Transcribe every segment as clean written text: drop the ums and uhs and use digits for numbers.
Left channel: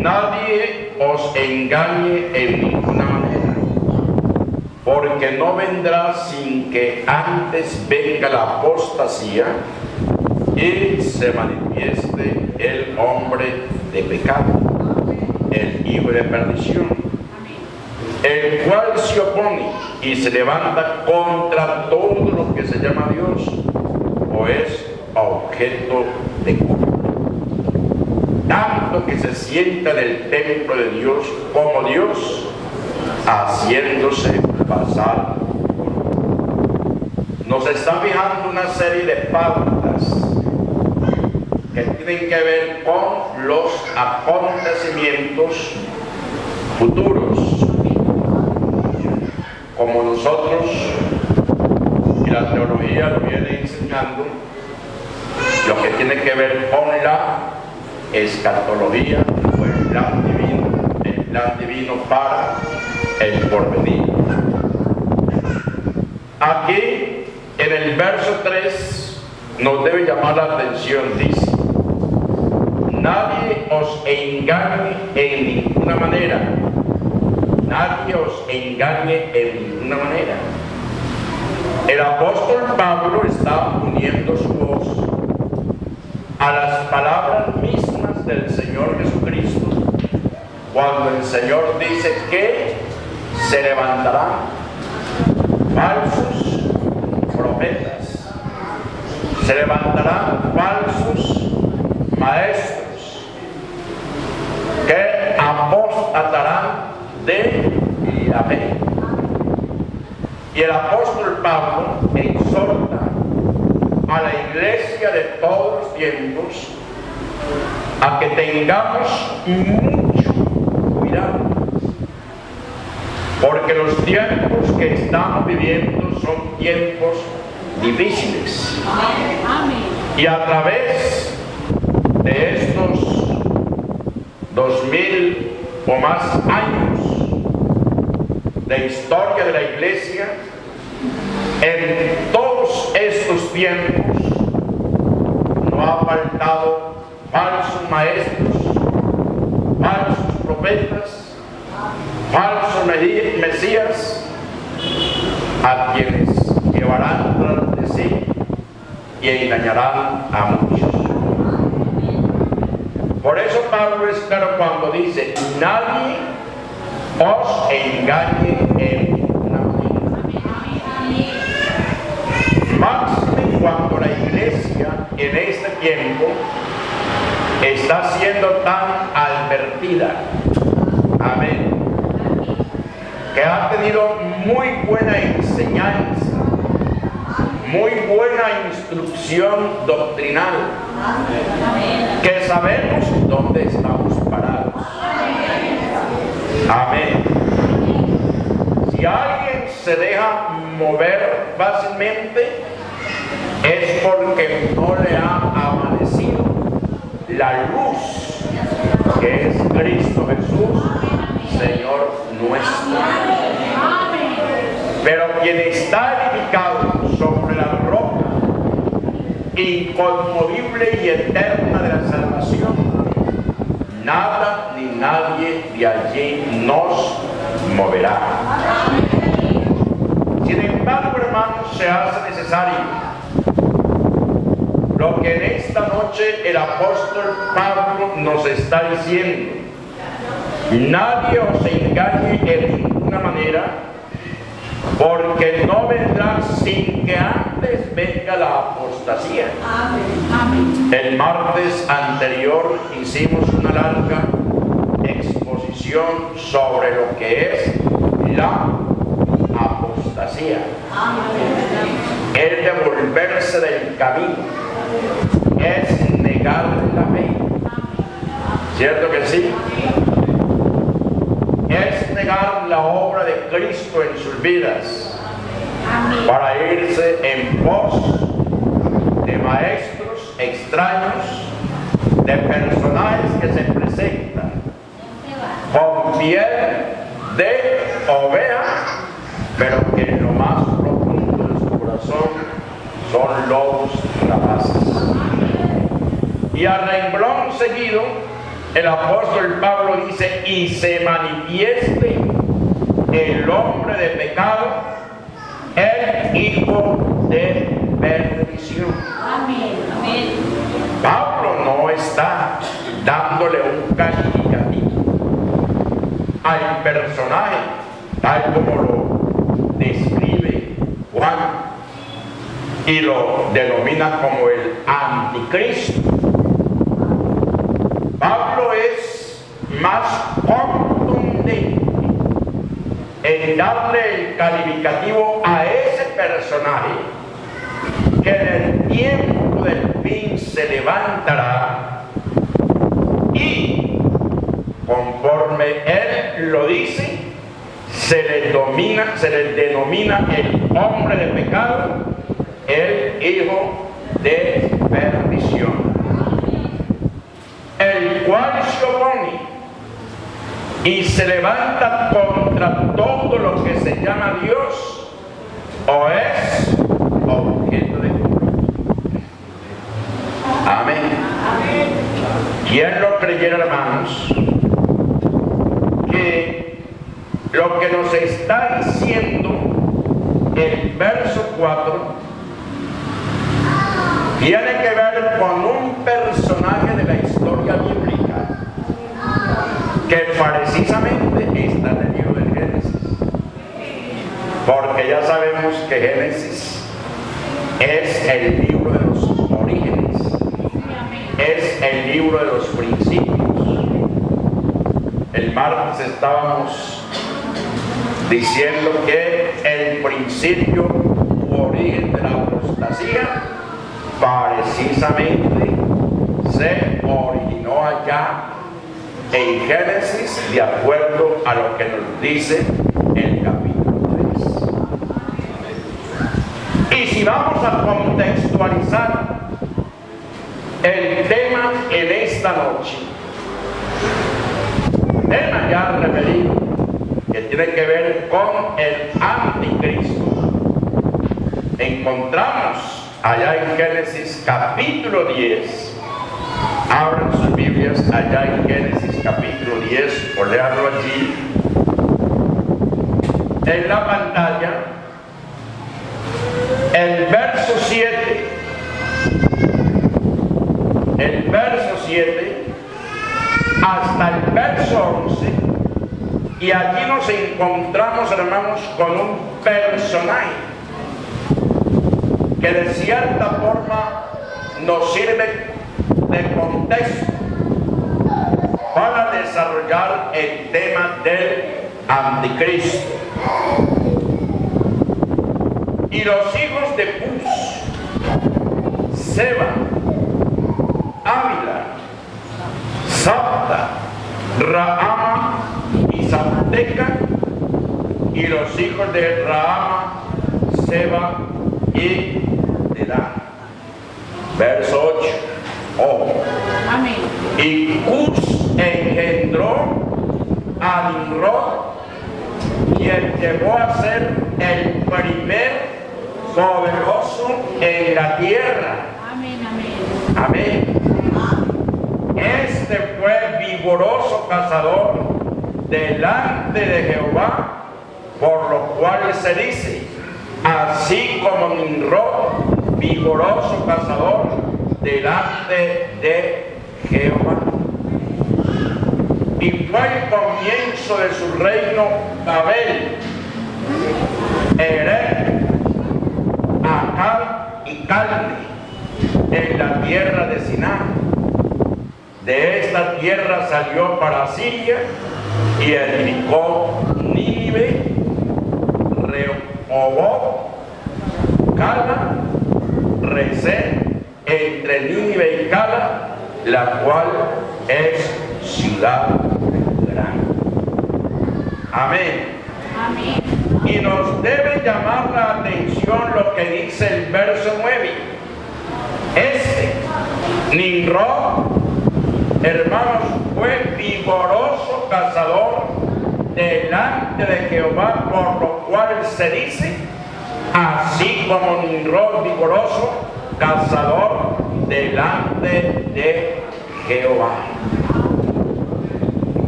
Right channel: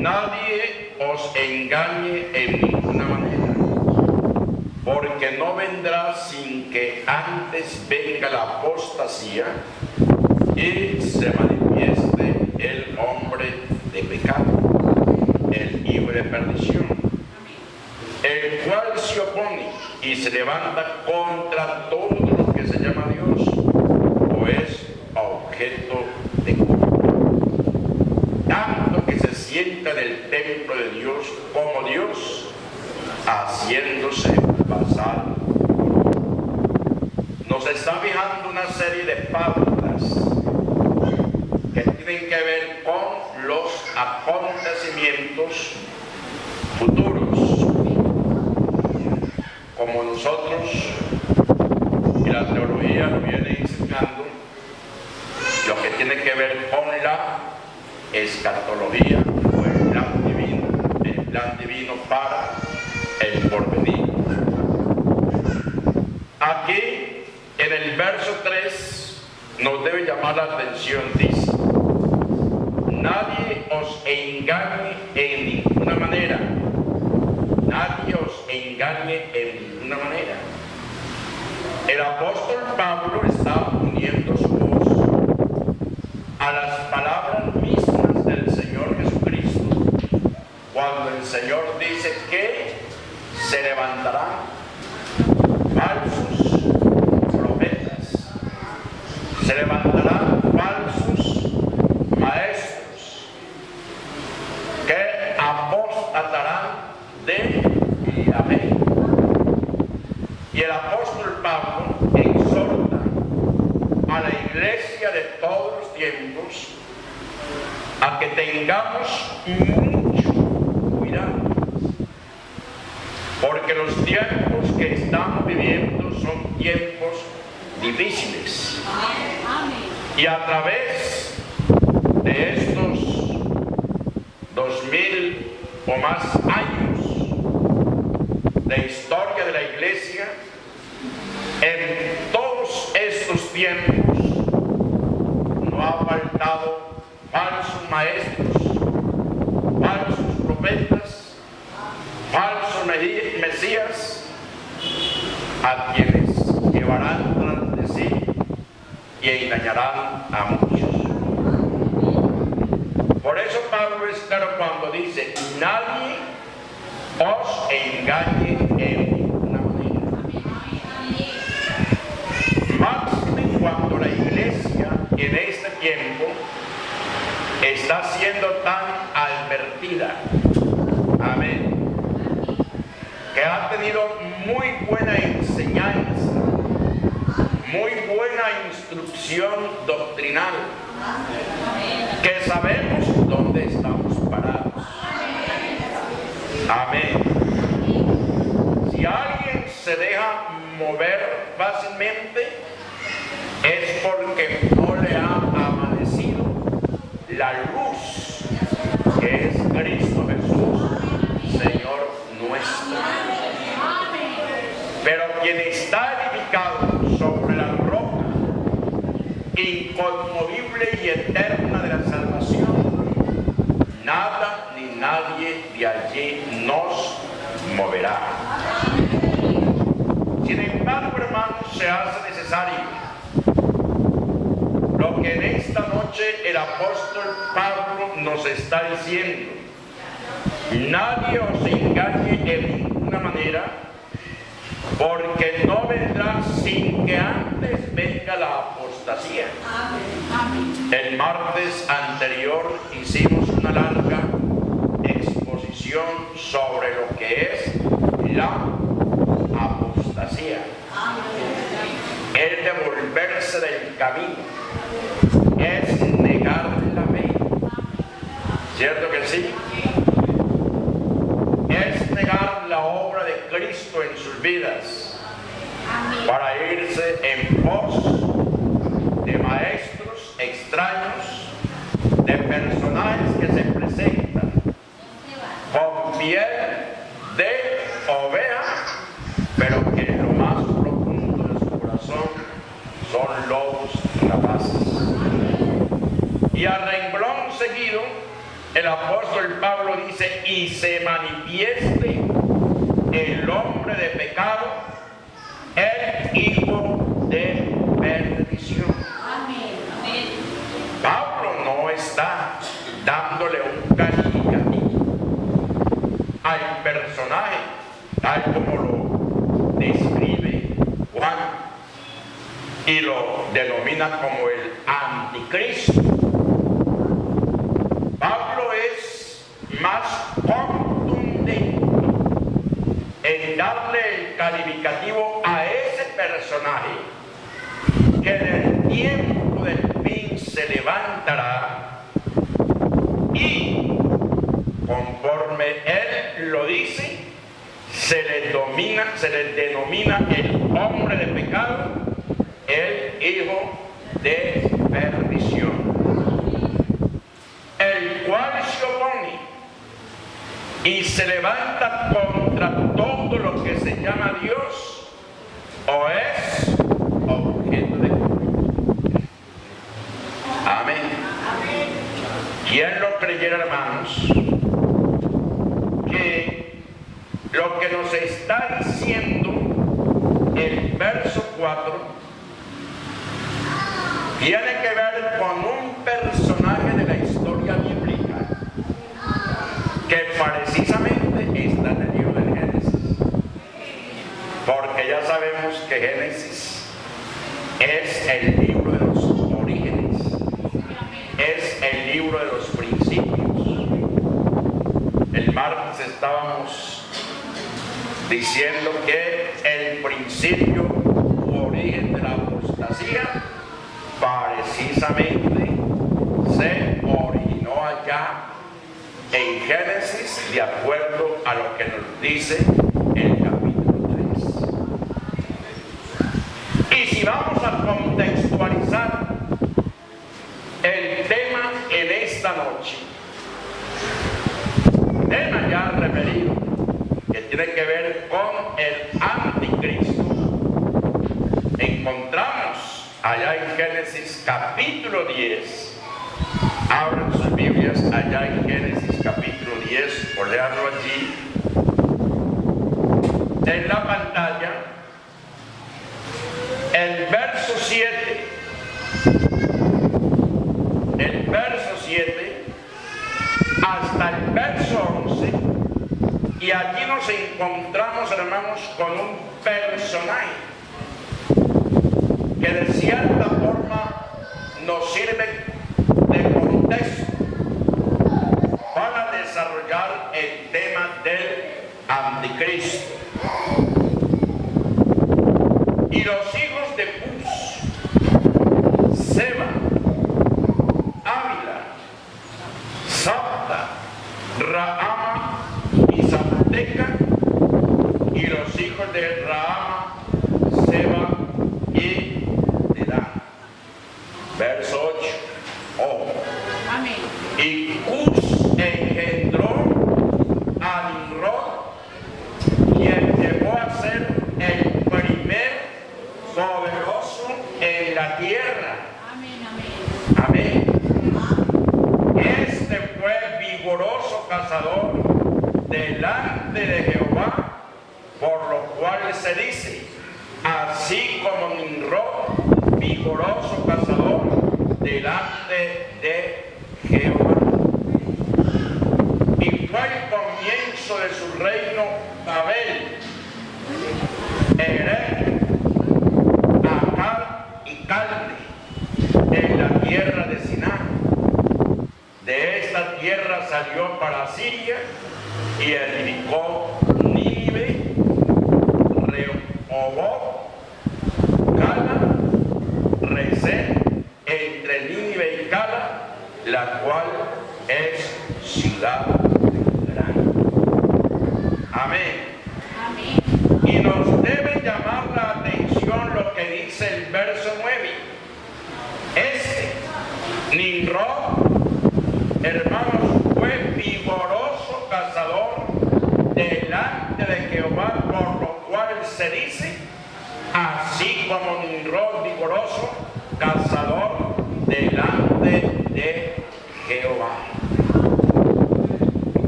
nadie os engañe en ninguna manera, porque no vendrá sin que antes venga la apostasía y se manifieste el hombre de pecado, el hijo de perdición, el cual se opone y se levanta contra todo lo que se llama Dios o es objeto de culto, tanto que se sienta en el templo de Dios como Dios, haciéndose pasar por Dios. Nos está fijando una serie de pautas que tienen que ver con los acontecimientos futuros, como nosotros y la teología lo viene enseñando, lo que tiene que ver con la escatología o el plan divino para el porvenir. Aquí en el verso 3 nos debe llamar la atención, dice: nadie os engañe en ninguna manera. Nadie os engañe en ninguna manera. El apóstol Pablo está uniendo su voz a las palabras mismas del Señor Jesucristo, cuando el Señor dice que se levantarán falsos profetas, se levantarán falsos maestros que apostatarán de la fe. Y el apóstol Pablo exhorta a la iglesia de todos los tiempos a que tengamos mucho cuidado, porque los tiempos que estamos viviendo son tiempos difíciles. Y a través de estos 2000 o más años de historia de la iglesia, en todos estos tiempos no ha faltado falsos maestros, falsos profetas, falsos mesías, a quienes llevarán tras de sí y engañarán a muchos. Por eso Pablo es claro cuando dice: nadie os engañe en ninguna manera. Máxime cuando la iglesia en este tiempo está siendo tan advertida, amén, que ha tenido muy buena enseñanza, muy buena instrucción doctrinal, que sabemos dónde estamos parados. Amén. Si alguien se deja mover fácilmente, es porque no le ha amanecido la luz que es Cristo Jesús, Señor nuestro. Pero quien está edificado sobre la roca inconmovible y eterna de la salvación, nada ni nadie de allí nos moverá. Sin embargo, hermanos, se hace necesario lo que en esta noche el apóstol Pablo nos está diciendo: nadie os engañe en ninguna manera, porque no vendrá sin que antes venga la apostasía. El martes anterior hicimos una larga exposición sobre lo que es la apostasía. Es devolverse del camino, es negar la fe. ¿Cierto que sí? Es negar la obra de Cristo en sus vidas para irse en pos de maestros extraños, de personajes que se presentan con piel de oveja, pero que en lo más profundo de su corazón son lobos rapaces. Y a renglón seguido el apóstol Pablo dice: y se manifieste el hombre de pecado, el hijo de perdición. Amén. Amén. Pablo no está dándole un calificativo al personaje tal como lo describe Juan y lo denomina como el anticristo. Pablo es más contundente en darle el calificativo a ese personaje que en el tiempo del fin se levantará y, conforme él lo dice, se le denomina el hombre de pecado, el hijo de perdición, el cual se opone y se levanta contra todo lo que se llama Dios o es objeto de culto. Amén. ¿Quién lo creyera, hermanos, que lo que nos está diciendo el verso 4 tiene que ver con un personaje de la historia bíblica que precisamente está en el libro del Génesis? Porque ya sabemos que Génesis es el libro de los orígenes, es el libro de los principios. El martes estábamos diciendo que el principio u origen de la apostasía precisamente se originó allá en Génesis, de acuerdo a lo que nos dice el capítulo 3. Y si vamos a contextualizar el tema en esta noche, tema ya referido, que tiene que ver con el anticristo, encontramos allá en Génesis capítulo 10. Abran sus Biblias allá en Génesis capítulo 10, o leanlo allí en la pantalla, el verso 7. El verso 7 hasta el verso 11, y allí nos encontramos, hermanos, con un personaje que de cierta forma nos sirve de contexto para desarrollar el tema del anticristo. Y los hijos de Cus, Seba, Ávila, Sabta, Rahama y Sabteca, y los hijos de Rahama, Seba y Dedán. Verso 8. Oh. Amén. Y Cus engendró a Nimrod, quien llegó a ser el primer poderoso en la tierra. Amén. Amén. Amén. Este fue vigoroso cazador delante de Jehová, por lo cual se dice: así como Nimrod, vigoroso cazador delante de Jehová. Y fue el comienzo de su reino Babel, Erech, Akkad y Calne, en la tierra de Siná. De esta tierra salió para Siria y edificó Nínive, Rehoboth, Cala, Resén, entre Nínive y Cala, la cual es ciudad grande. Amén. Amén. Y nos debe llamar la atención lo que dice el verso 9. Nimrod, hermanos, fue vigoroso cazador delante de Jehová, por lo cual se dice: así como Nimrod, vigoroso cazador delante de Jehová.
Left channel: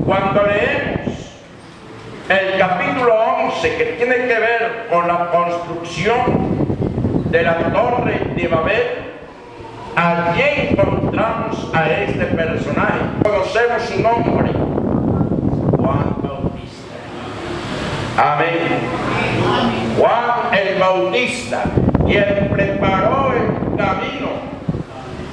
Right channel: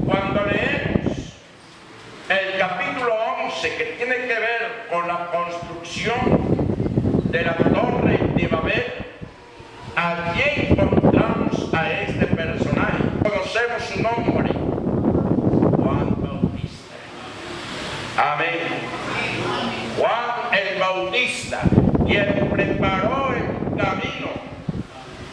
cuando leemos el capítulo 11, que tiene que ver con la construcción de la Torre de Babel, allí encontramos a este personaje. Conocemos su nombre, Juan Bautista. Amén. Juan el Bautista, quien preparó el camino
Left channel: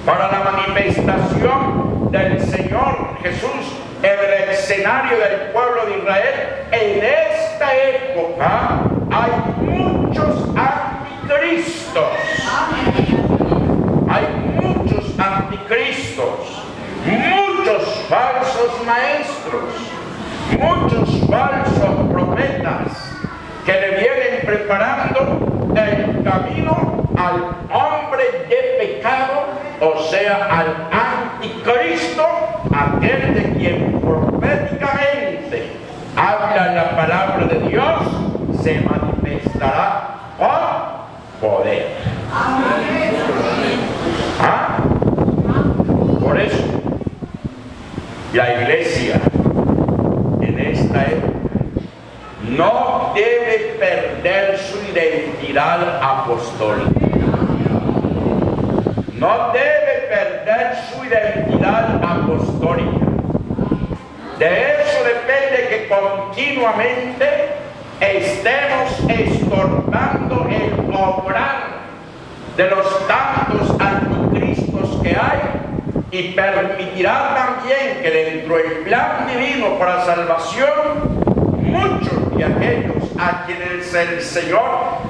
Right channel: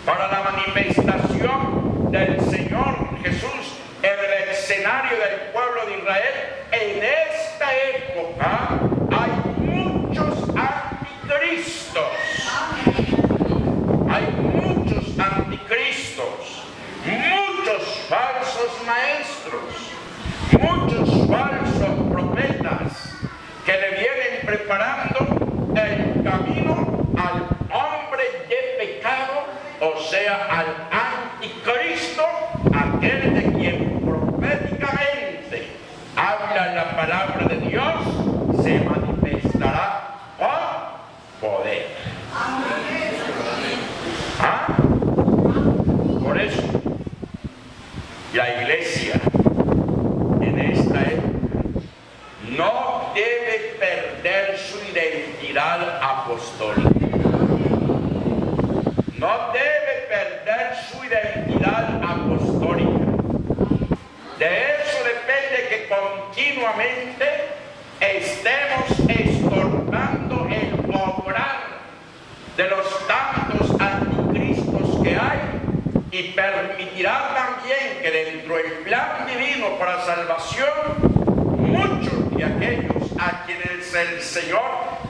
para la manifestación del Señor Jesús en el escenario del pueblo de Israel. En esta época hay muchos anticristos. Hay muchos anticristos, muchos falsos maestros, muchos falsos profetas que le vienen preparando el camino al hombre de pecado, o sea, al anticristo, aquel de quien proféticamente habla la palabra de Dios, se manifestará con poder. ¿Ah? Por eso, la iglesia en esta época no debe perder su identidad apostólica. No debe perder su identidad apostólica. De eso depende que continuamente estemos estorbando el obrar de los tantos anticristos que hay, y permitirá también que dentro del plan divino para salvación, muchos de aquellos a quienes el Señor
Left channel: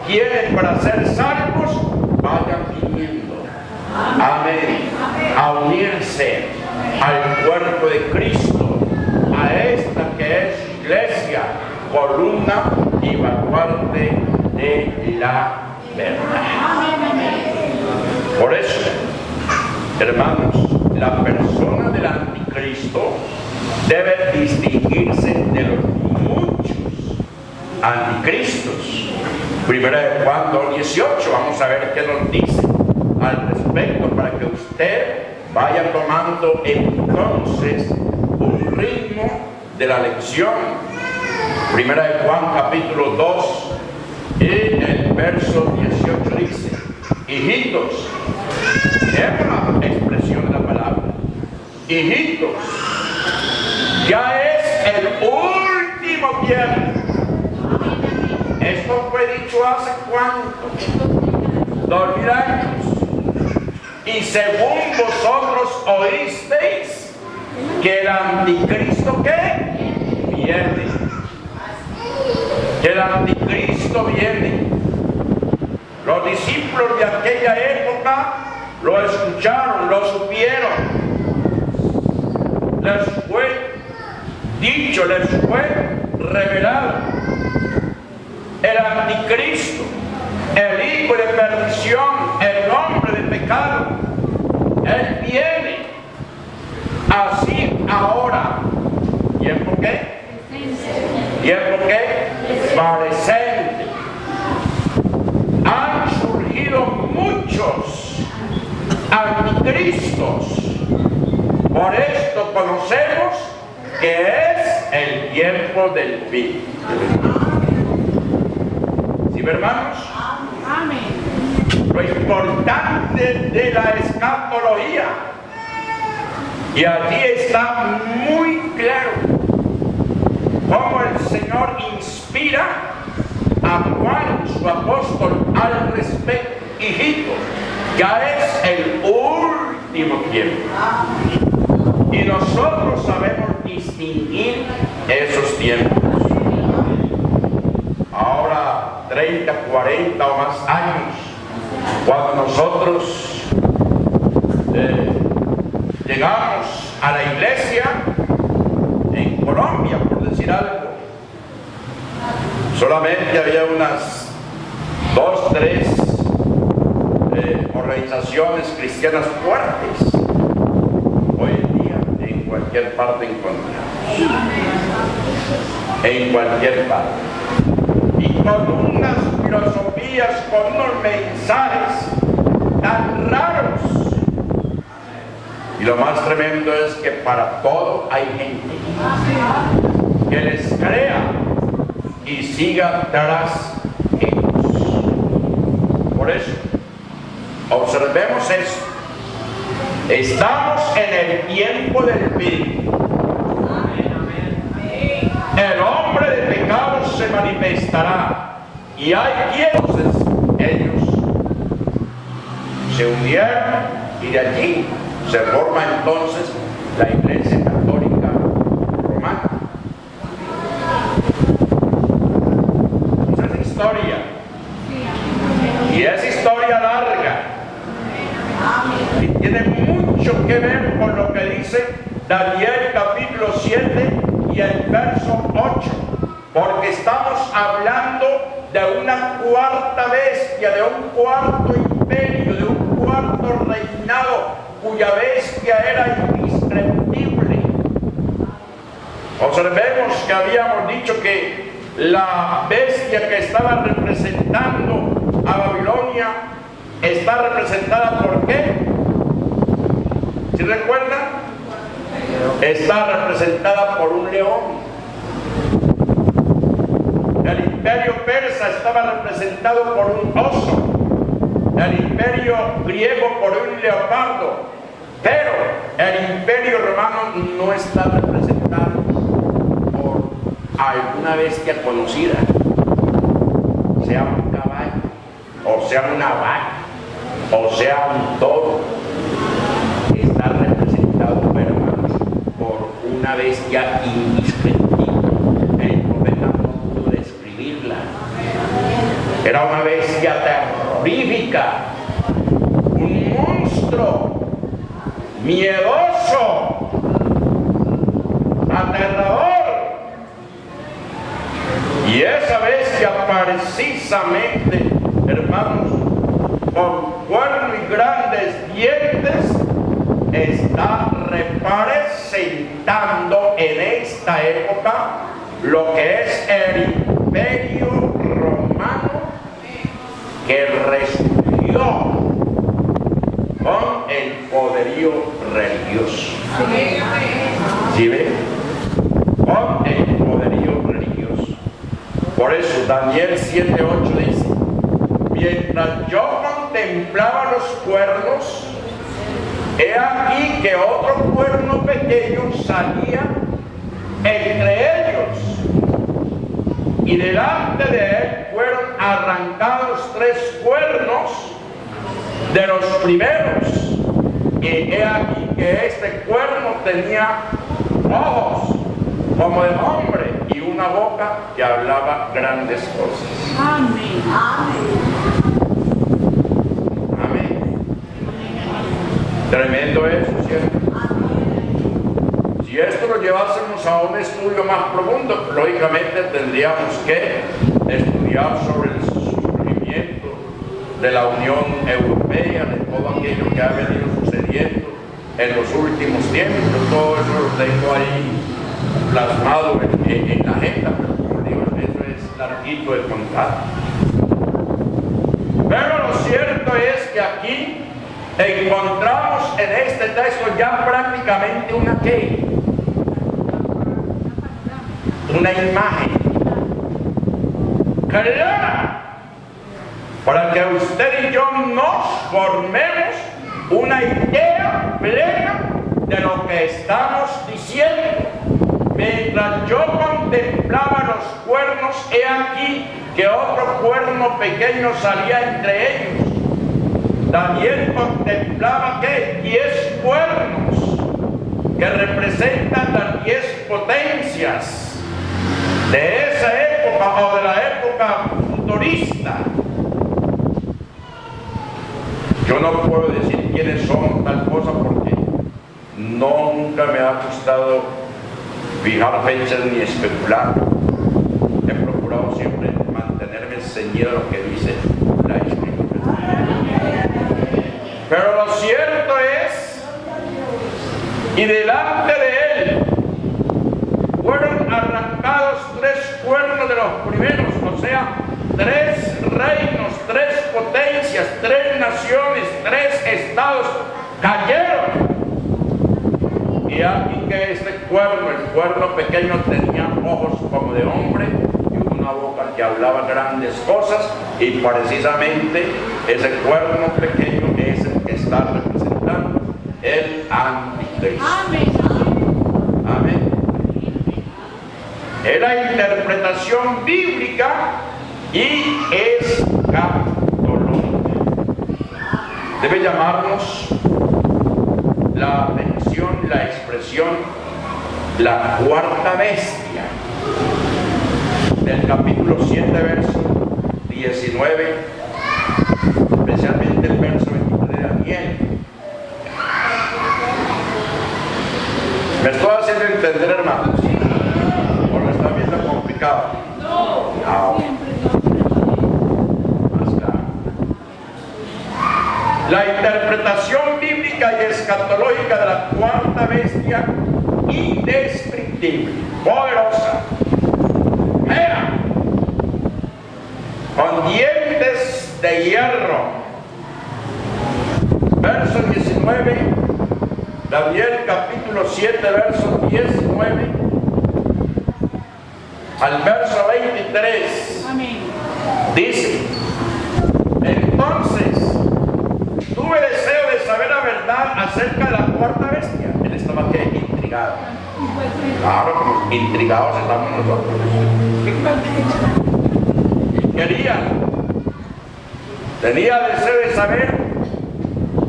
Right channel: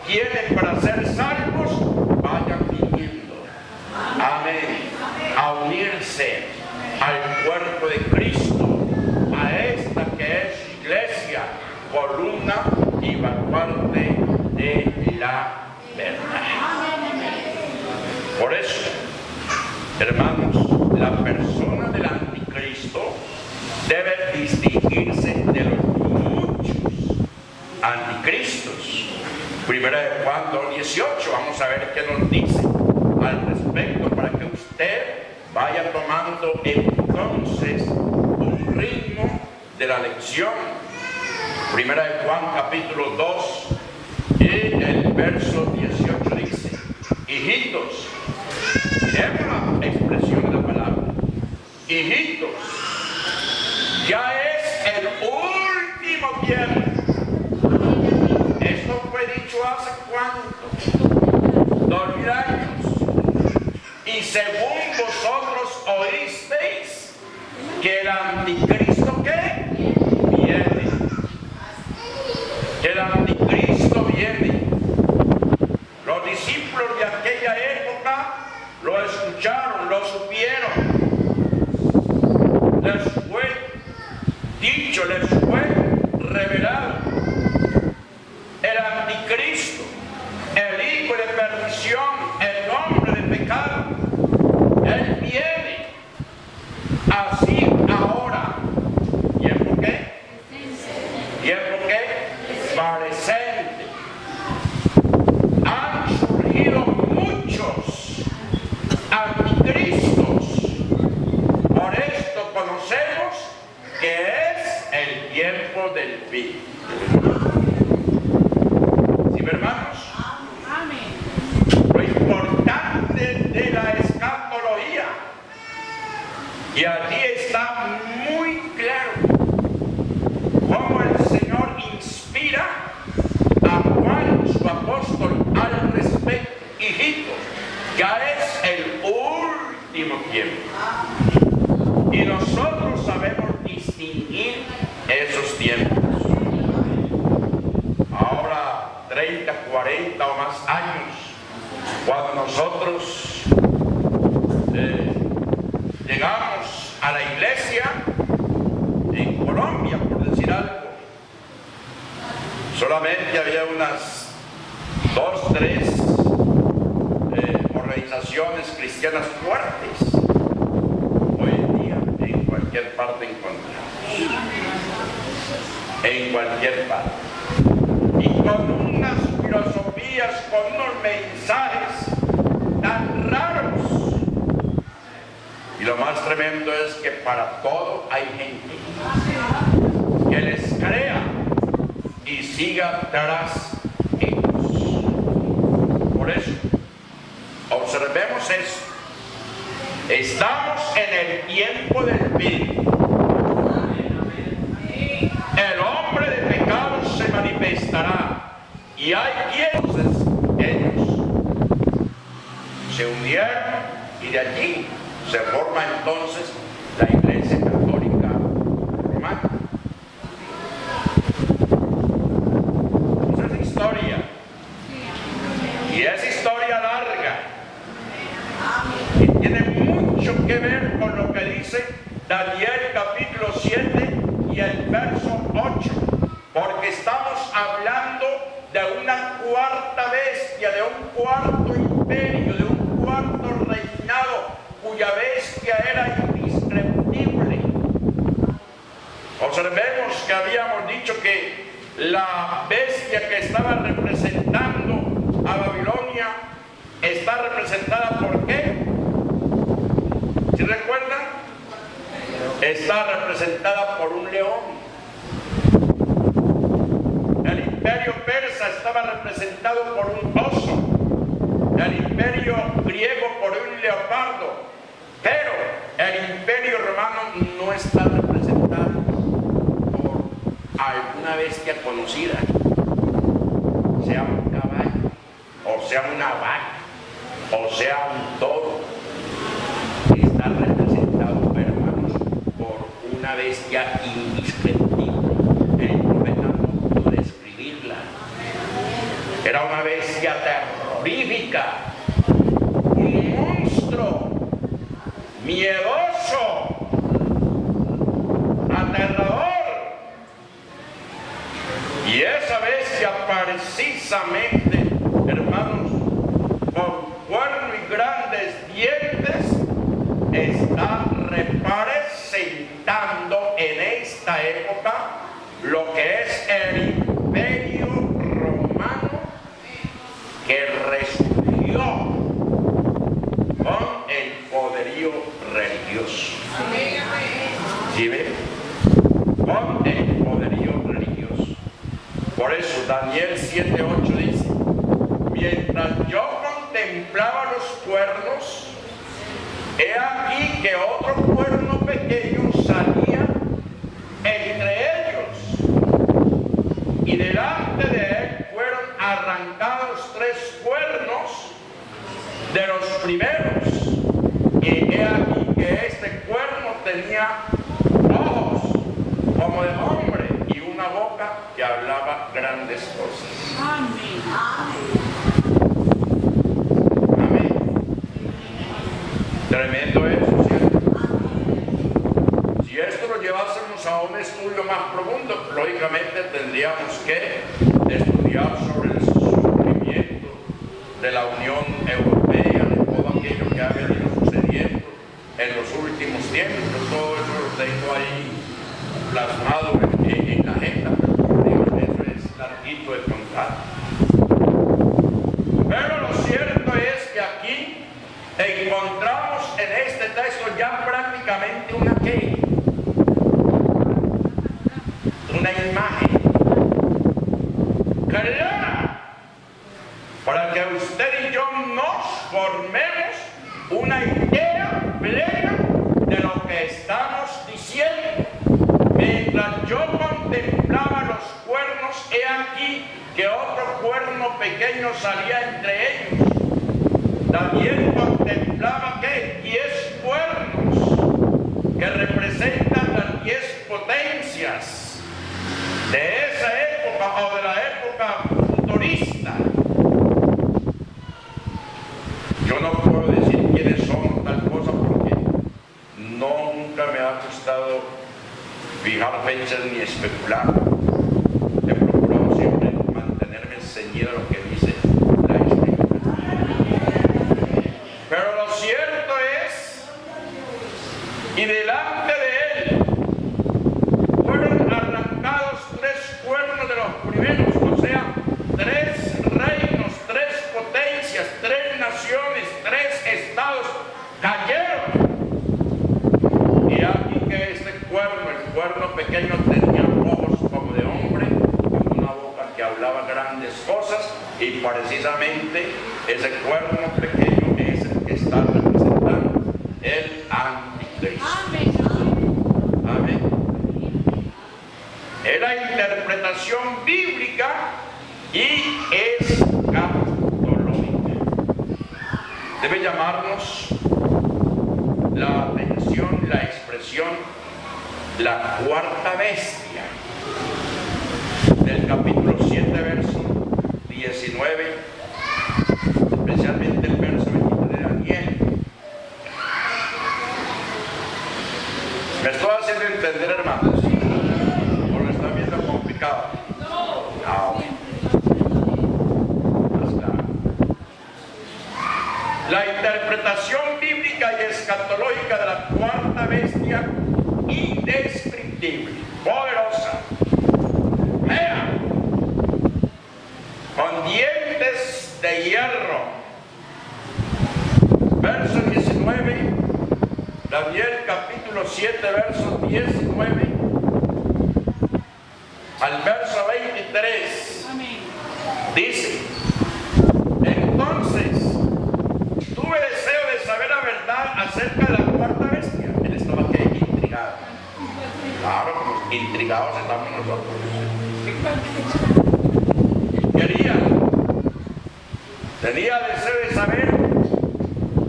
quiere para ser salvos vayan viniendo, amén, a unirse al cuerpo de Cristo, a esta que es su iglesia, columna y baluarte de la verdad. Por eso, hermanos, la persona del anticristo debe distinguirse de los muchos anticristos. Primera de Juan 2:18, vamos a ver qué nos dice al respecto para que usted vaya tomando entonces un ritmo de la lección. Primera de Juan capítulo 2 y el verso 18 dice: hijitos, es la expresión de la palabra, hijitos, ya es el último tiempo. Esto fue dicho hace ¿cuánto? 2000 años. Y según vosotros oísteis que el anticristo ¿qué? Viene. Que el anticristo viene. Los discípulos de aquella época lo escucharon, lo supieron. Les fue dicho, les fue revelado. El anticristo, el hijo de perdición, el hombre de pecado, él viene. Así ahora. ¿Tiempo qué? ¿Tiempo qué? Presente. Han surgido muchos anticristos. Por esto conocemos que es el tiempo del fin. ¿Sí, hermanos? Amén. Lo importante de la escatología, y allí está muy claro cómo el Señor inspira a Juan, su apóstol, al respecto. Hijitos, ya es el último tiempo. Y nosotros sabemos distinguir esos tiempos. Ahora, 30, 40 o más años, cuando nosotros llegamos a la iglesia en Colombia, por decir algo, solamente había unas 2, 3 organizaciones cristianas fuertes. Hoy en día en cualquier parte encontramos, en cualquier parte, y con unas filosofías, con unos mensajes tan raros Y lo más tremendo es que para todo hay gente que les crea y siga tras ellos. Por eso, observemos eso. Estamos en el tiempo del fin. El hombre de pecado se manifestará. Y hay quien. Entonces, ellos se unieron y de allí se forma entonces la Iglesia Católica Romana. Esa es historia. Y es historia larga. Y tiene mucho que ver con lo que dice Daniel capítulo 7 y el verso 8. Porque estamos hablando de una cuarta bestia, de un cuarto imperio, de un cuarto reinado, cuya bestia era indescriptible. Observemos que habíamos dicho que la bestia que estaba representando a Babilonia está representada por ¿qué? ¿Sí recuerdan? Está representada por un león. El imperio persa estaba representado por un oso. El imperio griego por un leopardo. Pero el imperio romano no está representado por alguna bestia conocida, sea un caballo, o sea una vaca, o sea un toro. Está representado, hermanos, por una bestia indescriptible. El profeta no pudo describirla. Era una bestia terrorífica, un monstruo miedoso, aterrador. Y esa bestia precisamente, hermanos, con cuerno y grandes dientes, está representando en esta época lo que es el imperio romano que resurgió con el poderío religioso. ¿Sí ven? Con el poderío religioso. Por eso Daniel 7:8 dice: mientras yo contemplaba los cuernos, he aquí que otro cuerno pequeño salía entre ellos, y delante de él fueron arrancados 3 cuernos de los primeros, y he aquí que este cuerno tenía ojos como de hombre y una boca que hablaba grandes cosas. Amén. Amén. Tremendo eso, ¿cierto? Si esto lo llevásemos a un estudio más profundo, lógicamente tendríamos que estudiar sobre el surgimiento de la Unión Europea, de todo aquello que ha venido sucediendo en los últimos tiempos. Yo todo eso lo tengo ahí plasmado en la agenda, pero como digo, eso es larguito de contar. Pero lo cierto es que aquí encontramos en este texto ya prácticamente una imagen clara para que usted y yo nos formemos una idea plena de lo que estamos diciendo. Mientras yo contemplaba los cuernos, he aquí que otro cuerno pequeño salía entre ellos. Daniel contemplaba ¿qué? 10 cuernos que representan las 10 potencias de esa época o de la época futurista. Yo no puedo decir quiénes son tal cosa porque nunca me ha gustado fijar fechas ni especular. He procurado siempre mantenerme ceñido a lo que dice la Escritura. Pero lo cierto es, y delante de él fueron arrancados 3 cuernos de los primeros, o sea, 3 reinos, 3 potencias, 3 naciones, 3 estados cayeron Y aquí que este cuerno, el cuerno pequeño, tenía ojos como de hombre y una boca que hablaba grandes cosas, y precisamente ese cuerno pequeño es el que está representando el anticristo. Amén. Es la interpretación bíblica y escatológica. Debe llamarnos la atención, la expresión, la cuarta bestia, del capítulo 7, verso 19, especialmente el verso 23 de Daniel. ¿Me estoy haciendo entender, hermanos? ¿O lo están viendo complicado? No. Más claro. La interpretación bíblica y escatológica de la cuarta bestia, indescriptible, poderosa, fea, con dientes de hierro. Verso 19, Daniel capítulo 7, verso 19 al verso 23. Amén. Dice: entonces tuve deseo de saber la verdad acerca de la cuarta bestia. Él estaba que intrigado. Claro, como intrigados estamos nosotros. Tenía deseo de saber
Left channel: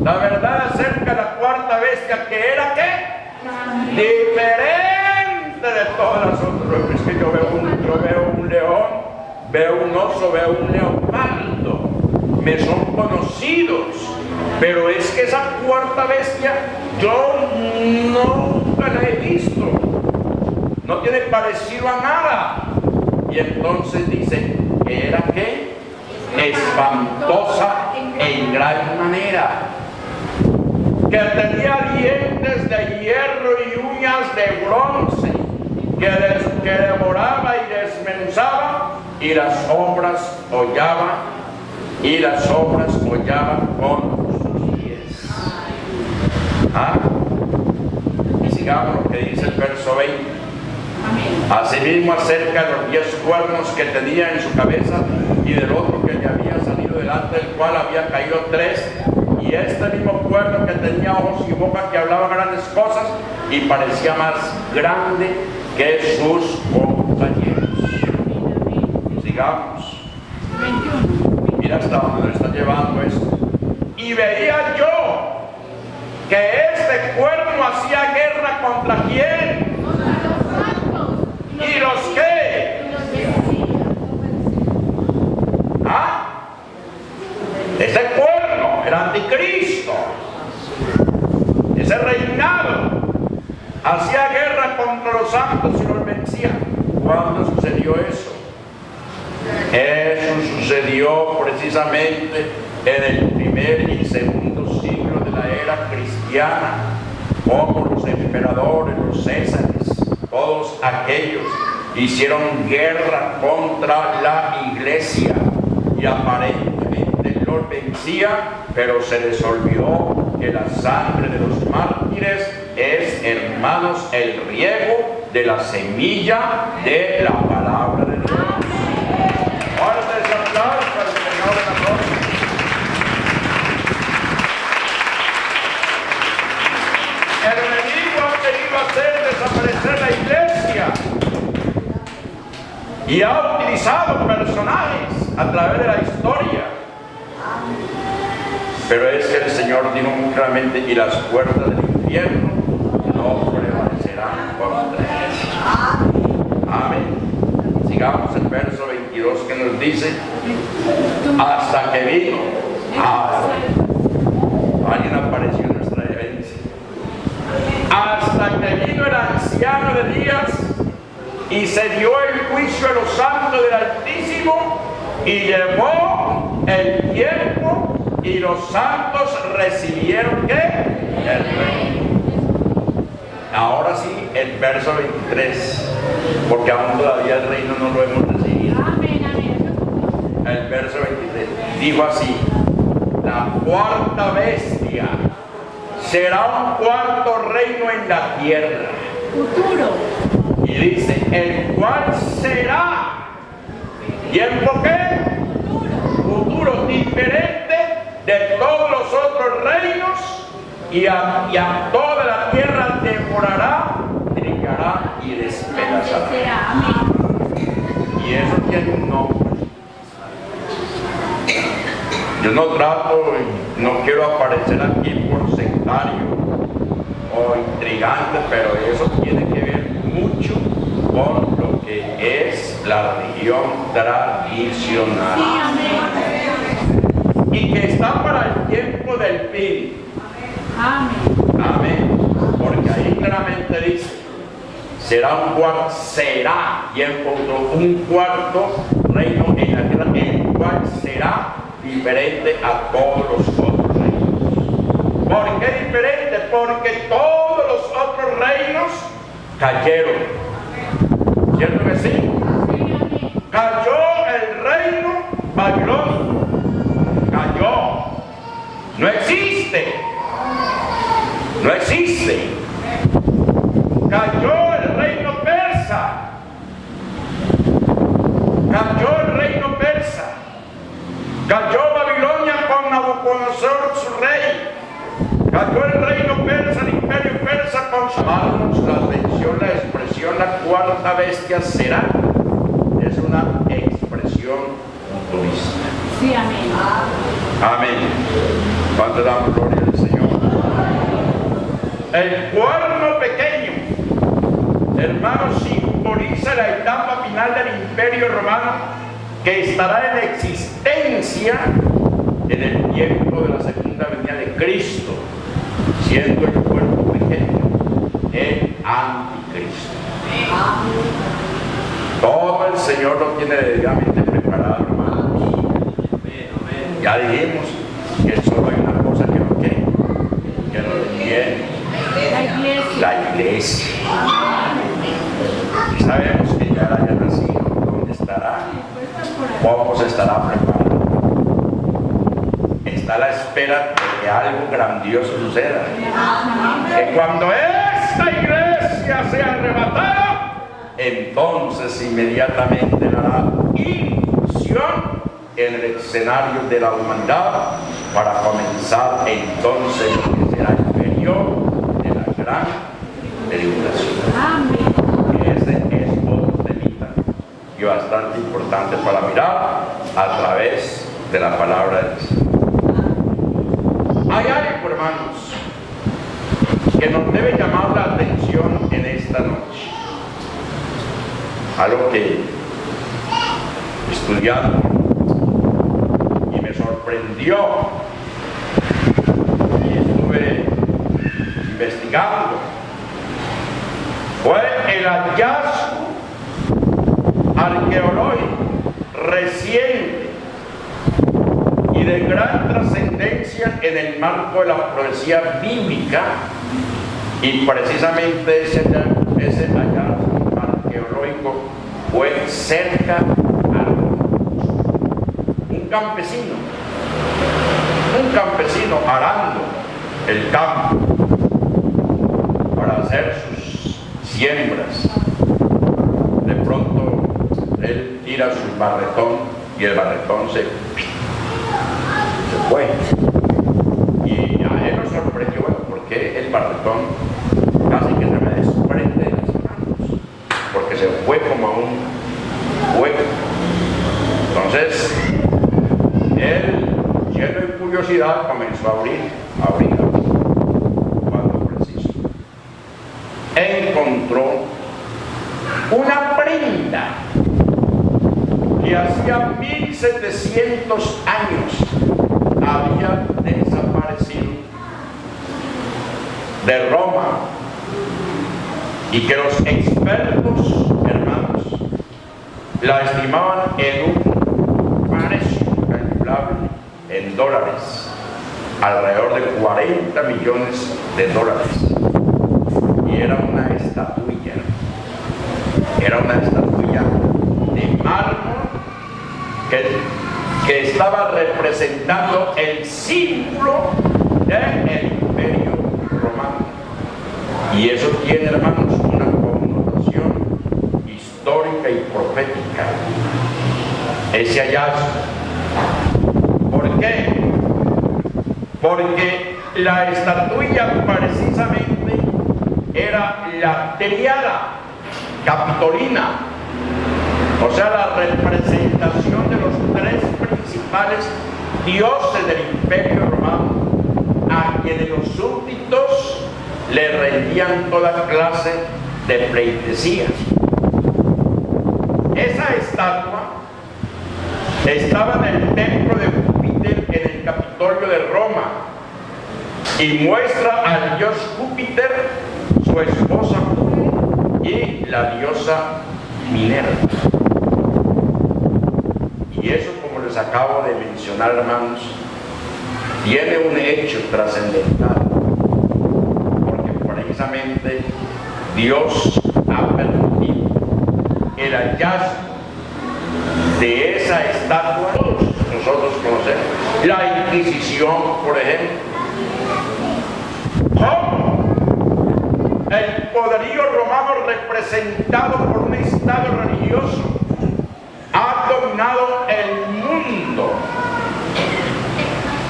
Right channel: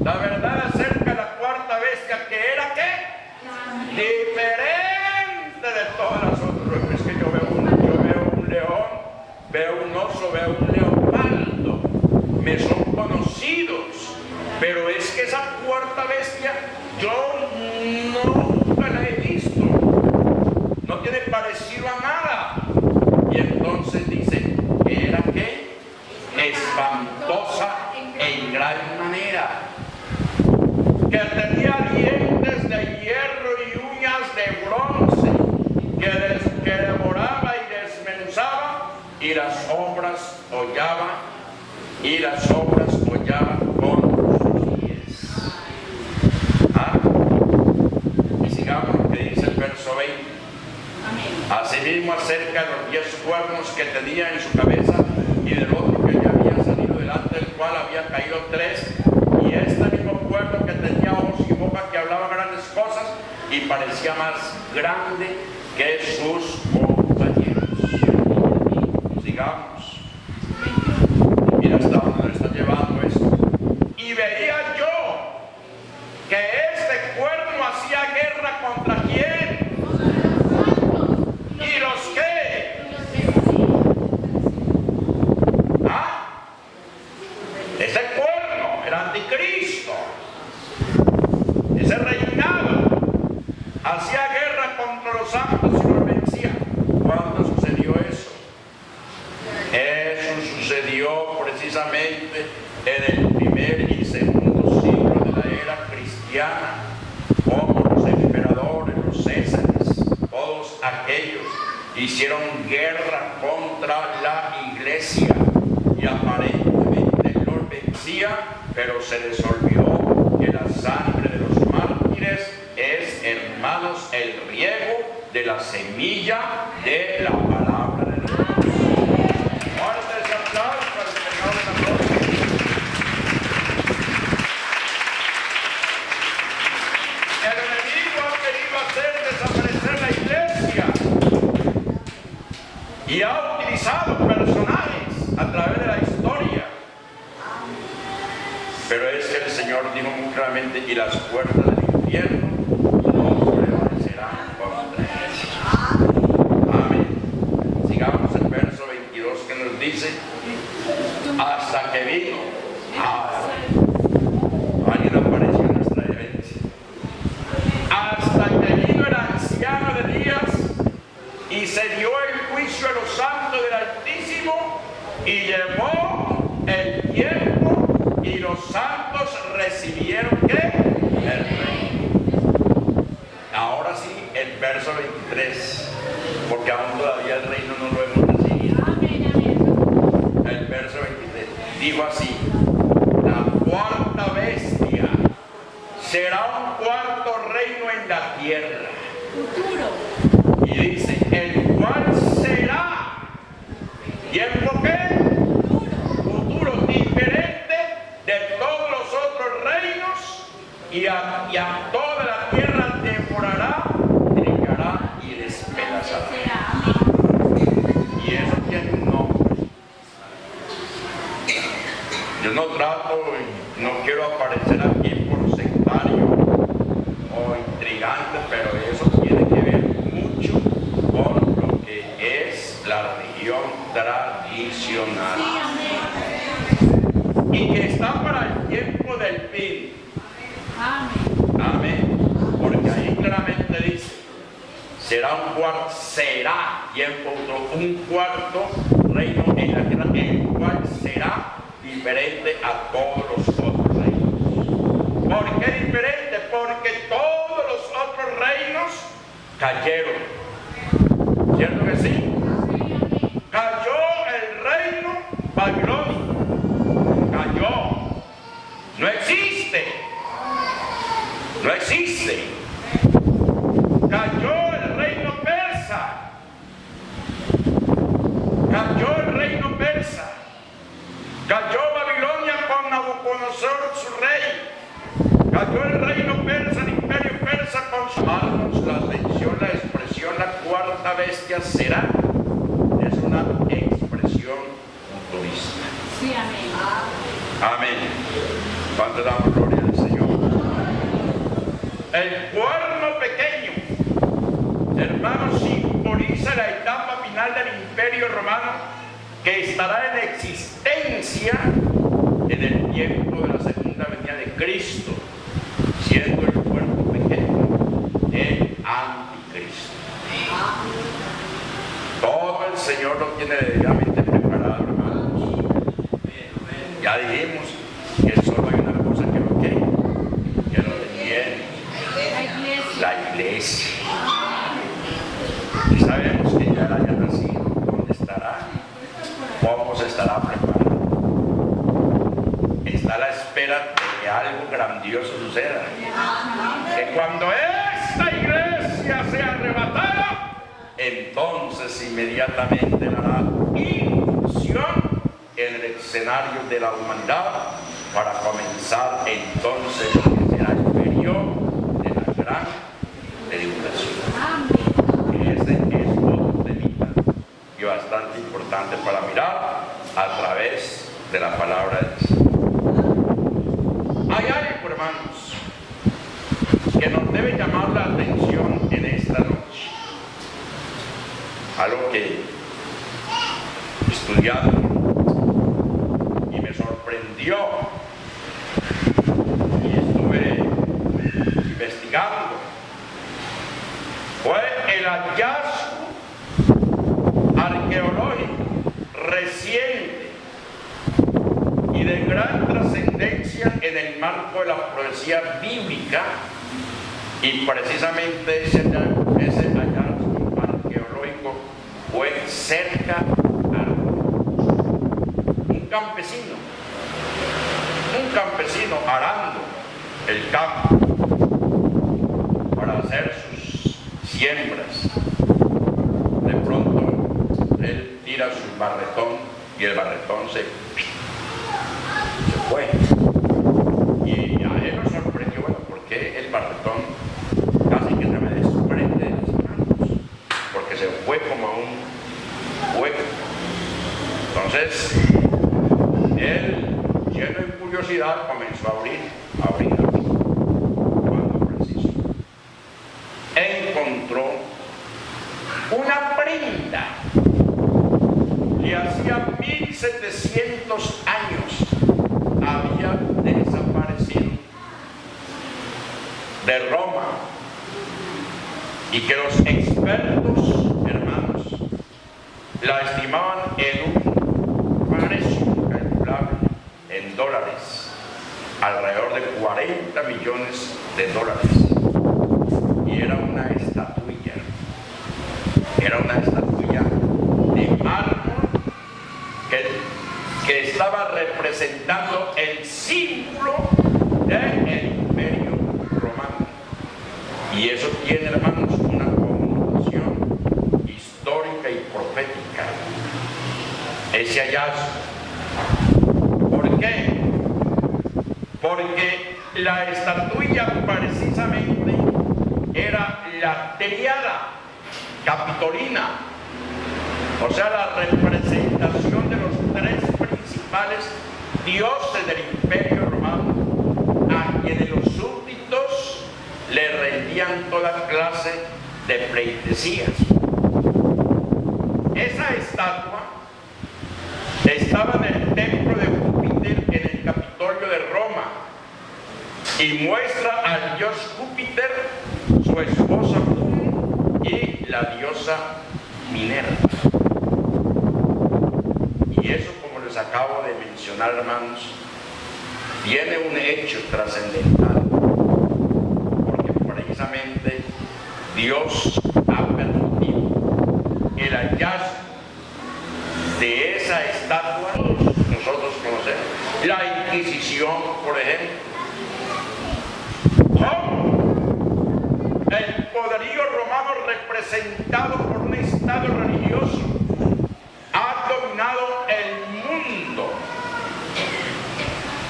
la verdad acerca de la cuarta bestia, que era ¿qué? Diferente de todas las otras. Es que yo veo un león, veo un oso, veo un leopardo. Me son conocidos, pero es que esa cuarta bestia yo nunca la he visto, no tiene parecido a nada. Y entonces dice que era ¿qué? Espantosa en gran manera, que tenía dientes de hierro y uñas de bronce, que devoraba y desmenuzaba, y las obras hollaba con sus pies. Y sigamos lo que dice el verso 20. Asimismo, acerca de los 10 cuernos que tenía en su cabeza, y del otro que le había salido delante, del cual había caído 3, y este mismo cuerno que tenía ojos y boca, que hablaba grandes cosas y parecía más grande que sus compañeros. Sigamos. Mira hasta dónde nos está llevando esto. Y veía yo que este cuerno hacía guerra ¿contra quién? ¿Y los qué? Este cuerno, el anticristo, ese reinado, hacía guerra contra los santos y los vencía. ¿Cuándo sucedió eso? Eso sucedió precisamente en el primer y segundo siglo de la era cristiana, como los emperadores, los césares, todos aquellos hicieron guerra contra la iglesia y aparentemente los vencía, pero se les olvidó que la sangre de los mártires es, hermanos, el riego de la semilla de la palabra de Dios. Fuerte ese aplauso para el Señor de la gloria. El enemigo ha querido hacer desaparecer la iglesia y ha utilizado personajes a través de la historia. Pero es que el Señor dijo muy claramente: y las puertas del infierno no prevalecerán contra ellos. Amén. Sigamos el verso 22 que nos dice: hasta que vino. Alguien apareció en nuestra herencia. Hasta que vino el anciano de días y se dio el juicio a los santos del Altísimo, y llevó el tiempo, y los santos recibieron ¿qué? El reino. Ahora sí, el verso 23, porque aún todavía el reino no lo hemos recibido. El verso 23 dijo así: la cuarta bestia será un cuarto reino en la tierra. Futuro. Y dice, el cual será. ¿Tiempo qué? Futuro, diferente de todos los otros reinos, y a toda la tierra devorará, trincará y despedazará. Y eso tiene un nombre. Yo no trato y no quiero aparecer aquí por sectario o intrigante, pero eso tiene que ver mucho con lo que es la religión tradicional. Y que está para el tiempo del fin. Amén. Amén. Porque ahí claramente dice, será tiempo, un cuarto reino en la tierra, el cual será diferente a todos los otros reinos. ¿Por qué diferente? Porque todos los otros reinos cayeron. ¿Cierto que sí? Cayó el reino babilónico. Cayó. No existe. No existe. Cayó el reino persa. Cayó el reino persa. Cayó Babilonia con Nabucodonosor su rey. Cayó el reino persa, el imperio persa con su... Llamarnos la atención, la expresión, la cuarta bestia será. Es una expresión futurista. Sí, amén. Amén. ¿Cuánto damos gloria al Señor? El cuerno pequeño, hermanos, simboliza la etapa final del imperio romano que estará en existencia en el tiempo de la segunda venida de Cristo, siendo el cuerno pequeño el anticristo. Todo el Señor lo tiene debidamente preparado, hermanos. Ya dijimos que solo hay una cosa que lo detiene. La iglesia. Y sabemos que ya haya nacido. ¿Dónde estará? ¿Cómo se estará preparando? Está a la espera de que algo grandioso suceda. Que cuando esta iglesia sea arrebatada, entonces inmediatamente dará incursión en el escenario de la humanidad para comenzar entonces lo que será el periodo de la gran tribulación. Ese es otro temita y bastante importante para mirar a través de la palabra de Dios. Hay algo, hermanos, que nos debe llamar la atención en esta noche. Algo que estudiando y me sorprendió y estuve investigando fue el hallazgo arqueológico reciente y de gran trascendencia en el marco de la profecía bíblica, y precisamente ese hallazgo arqueológico fue cerca a Roma. Un campesino arando el campo para hacer sus siembras. De pronto él tira su barretón y el barretón se fue. Y a él lo sorprendió, bueno, ¿por qué el barretón casi que se me desprende de las manos? Porque se fue como a un fuego. Entonces él, lleno de curiosidad, comenzó a abrir. Cuando preciso encontró una prenda que hacía 1700 años había desaparecido de Roma, y que los expertos, hermanos, la estimaban en un precio calculable en dólares, alrededor de 40 millones de dólares. Y era una estatuilla de mármol que estaba representando el símbolo del imperio romano. Y eso tiene, hermanos, una connotación histórica y profética. Ese hallazgo. ¿Por qué? Porque la estatuilla precisamente era la tríada capitolina, o sea, la representación de los tres principales dioses del Imperio Romano, a quienes los súbditos le rendían toda clase de pleitesías. Esa estatua estaba en el templo de Júpiter en el Capitolio de Roma y muestra al dios Júpiter, su esposa Juno y la diosa Minerva. Y eso, como les acabo de mencionar, hermanos, tiene un hecho trascendental, porque precisamente Dios ha permitido el hallazgo de esa estatua. Todos nosotros conocemos la Inquisición, por ejemplo. ¿Cómo el poderío romano, representado por un estado religioso, ha dominado el mundo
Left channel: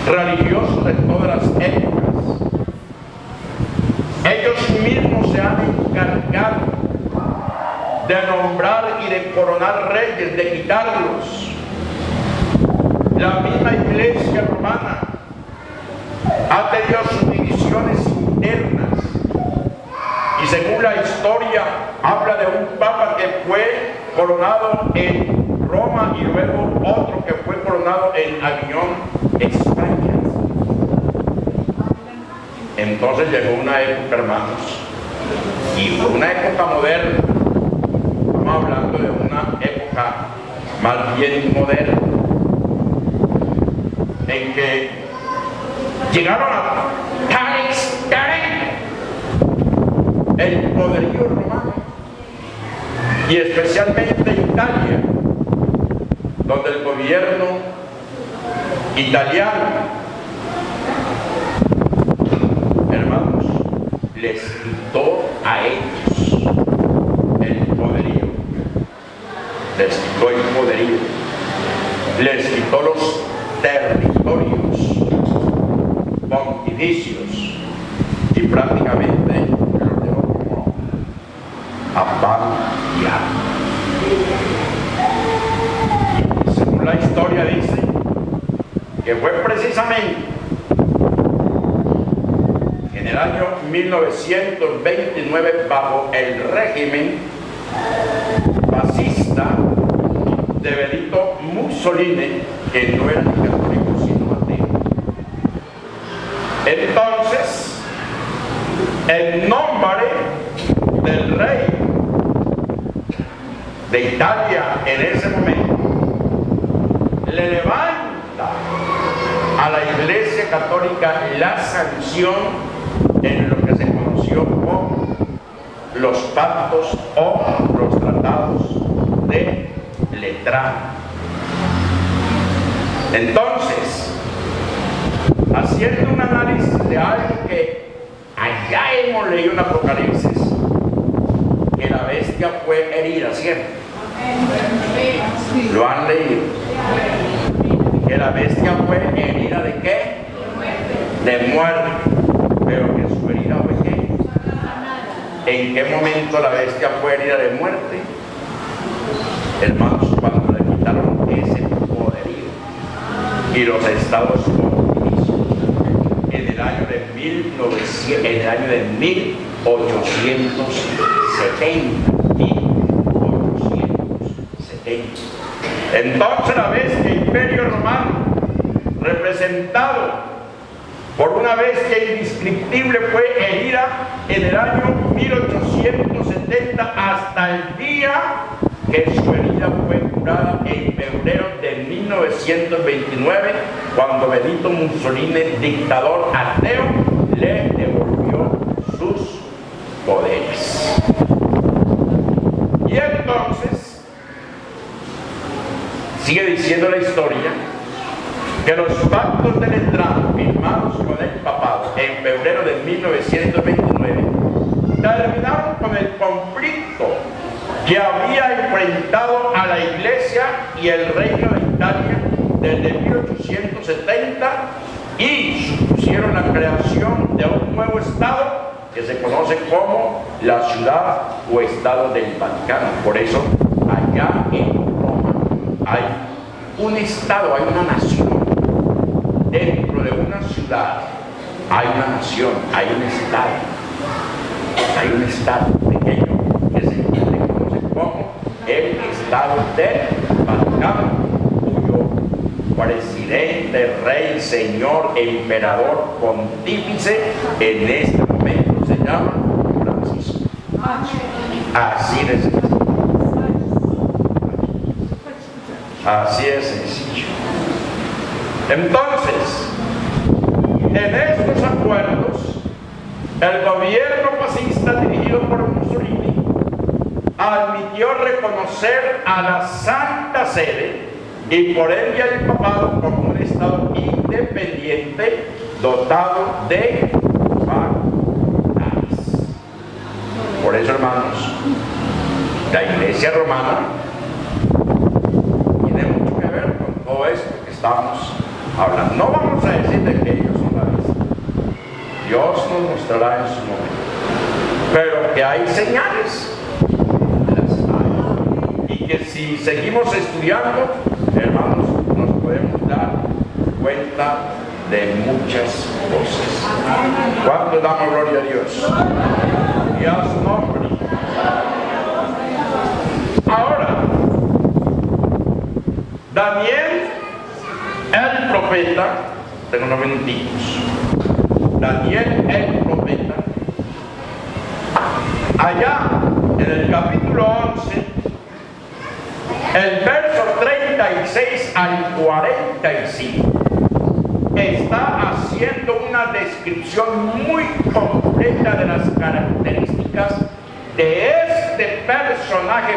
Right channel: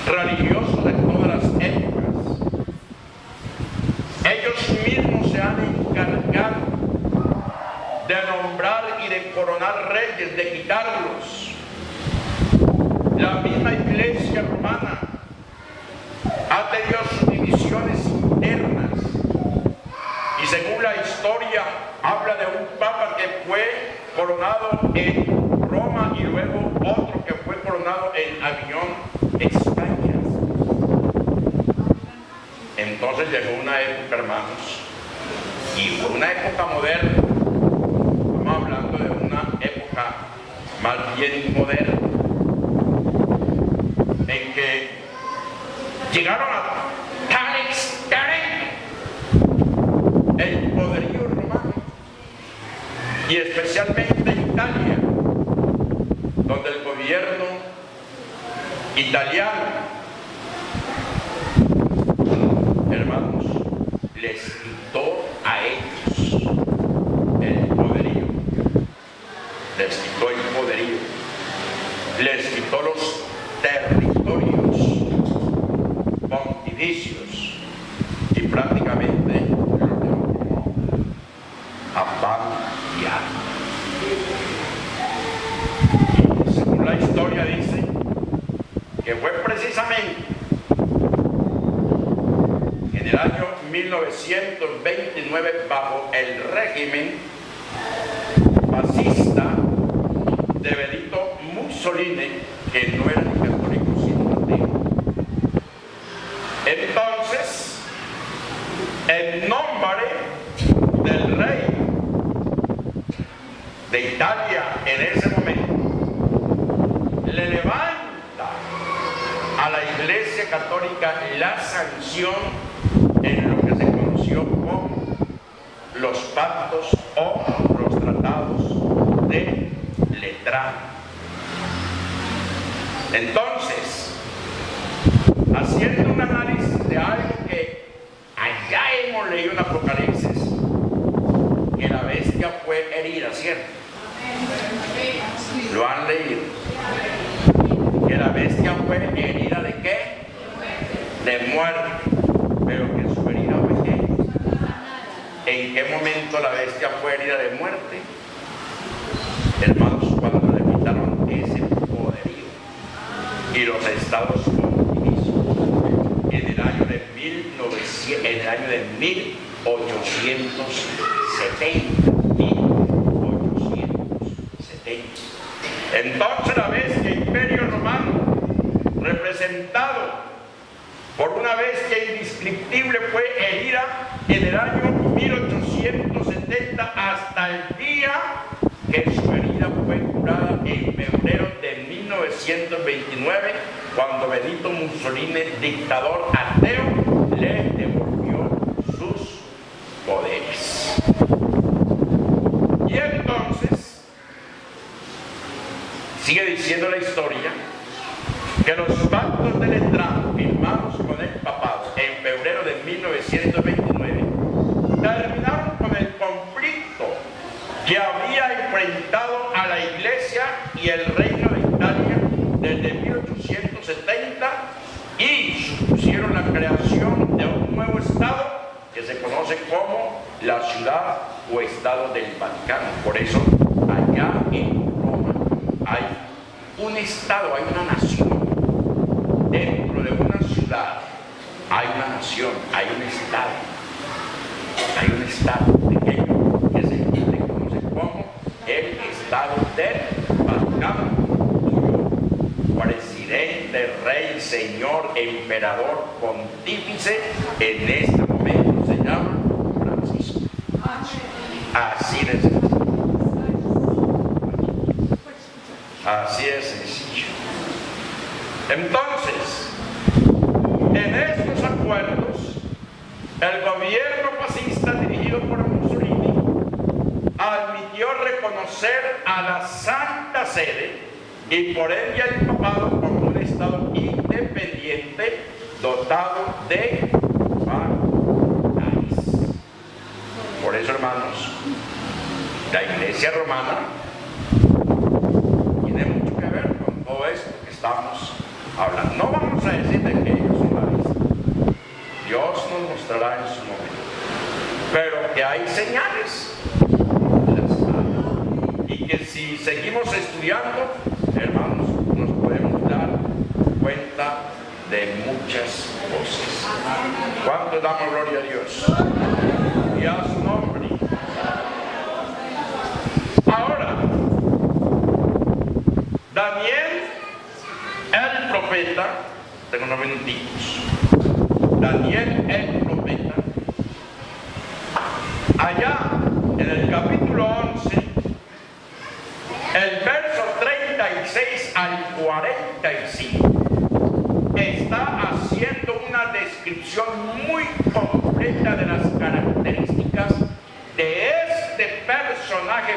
religioso de todas las épocas? Ellos mismos se han encargado de nombrar y de coronar reyes, de quitarlos. La misma Iglesia romana ha tenido sus divisiones internas, y según la historia habla de un papa que fue coronado en Roma y luego otro que fue coronado en Aviñón, España. Entonces llegó una época, hermanos, y fue una época moderna. Estamos hablando de una época más bien moderna, en que llegaron a tan extremo el poderío romano, y especialmente Italia, donde el gobierno italiano, hermanos, les quitó a ellos el poderío, les quitó el poderío, les quitó los territorios pontificios y prácticamente los dejó como a pan y agua. Y según la historia dice que fue precisamente en el año 1929, bajo el régimen fascista de Benito Mussolini, que no era ni católico sino ateo. Entonces, en nombre del rey de Italia en ese momento, le levanta a la Iglesia Católica la sanción en lo que se conoció como los pactos o los tratados de Letrán. Entonces, haciendo un análisis de algo que allá hemos leído en Apocalipsis, que la bestia fue herida, ¿cierto? ¿Lo han leído? Que la bestia fue herida ¿de qué? De muerte. Pero que su herida fue ¿qué? ¿En qué momento la bestia fue herida de muerte? Hermanos, cuando le quitaron ese poderío y los estados pontificios en el año de 1870. Entonces la bestia Imperio Romano, representado por una bestia indescriptible, fue herida en el año 1870 hasta el día que su herida fue curada en febrero de 1929, cuando Benito Mussolini, dictador ateo, le devolvió sus poderes. Y entonces sigue diciendo la historia que los pactos de Letrán firmados con el papado en febrero de 1929 terminaron con el conflicto que había enfrentado a la Iglesia y el Reino de Italia desde 1870 y supusieron la creación de un nuevo Estado que se conoce como la Ciudad o Estado del Vaticano. Por eso, allá en Roma hay un Estado, hay una nación. Dentro de una ciudad hay una nación, hay un Estado. Hay un Estado pequeño que se conoce como el Estado del Vaticano, cuyo presidente, rey, señor, emperador, pontífice en este momento se llama Francisco. Así de sencillo. Así es sencillo. Entonces, en estos acuerdos, el gobierno fascista dirigido por Mussolini admitió reconocer a la Santa Sede y por ende al papado como un Estado independiente dotado de facultades. Por eso, hermanos, la Iglesia romana tiene mucho que ver con todo esto que estamos hablando. No vamos a decir de que ellos son la vista. Dios nos mostrará en su momento. Pero que hay señales, las hay. Y que si seguimos estudiando, hermanos, nos podemos dar cuenta de muchas cosas. ¿Cuánto damos gloria a Dios? Y a su nombre. Ahora, Daniel, el profeta, tengo unos minutitos. Daniel, el profeta, allá en el capítulo 11, el verso 36 al 45, está haciendo una descripción muy completa de las características de este personaje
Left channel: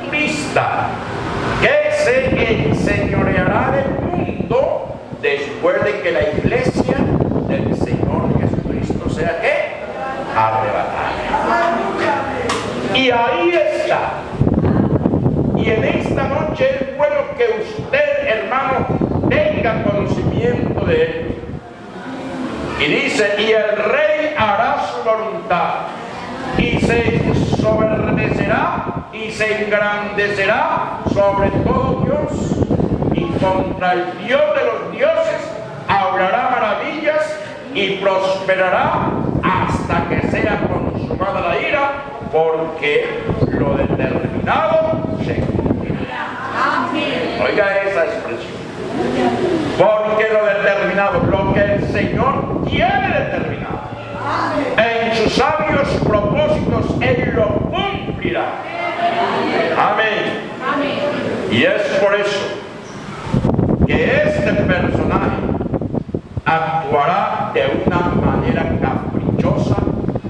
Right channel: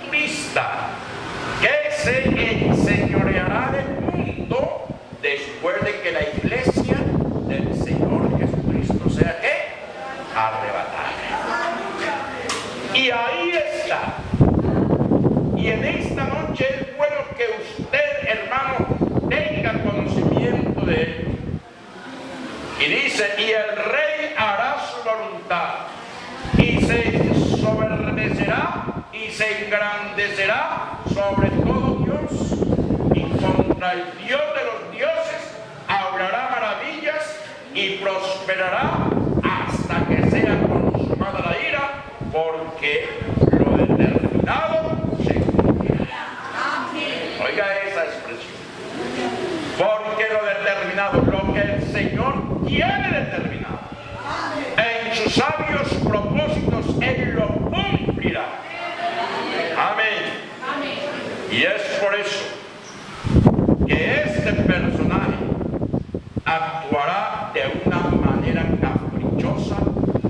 futurista que se enseñoreará del mundo después de que la iglesia del Señor Jesucristo sea ¿qué? Arrebatada. Y ahí está. Y en esta noche es bueno que usted, hermano, tenga conocimiento de él. Y dice, y el rey hará su voluntad, y se soberbecerá y se engrandecerá sobre todo Dios, y contra el Dios de los dioses hablará maravillas y prosperará hasta que sea consumada la ira, porque lo determinado se cumplirá. Oiga esa expresión. Porque lo determinado, lo que el Señor tiene determinado, en sus sabios propósitos Él lo cumplirá. Amén. Y es por eso que este personaje actuará de una manera caprichosa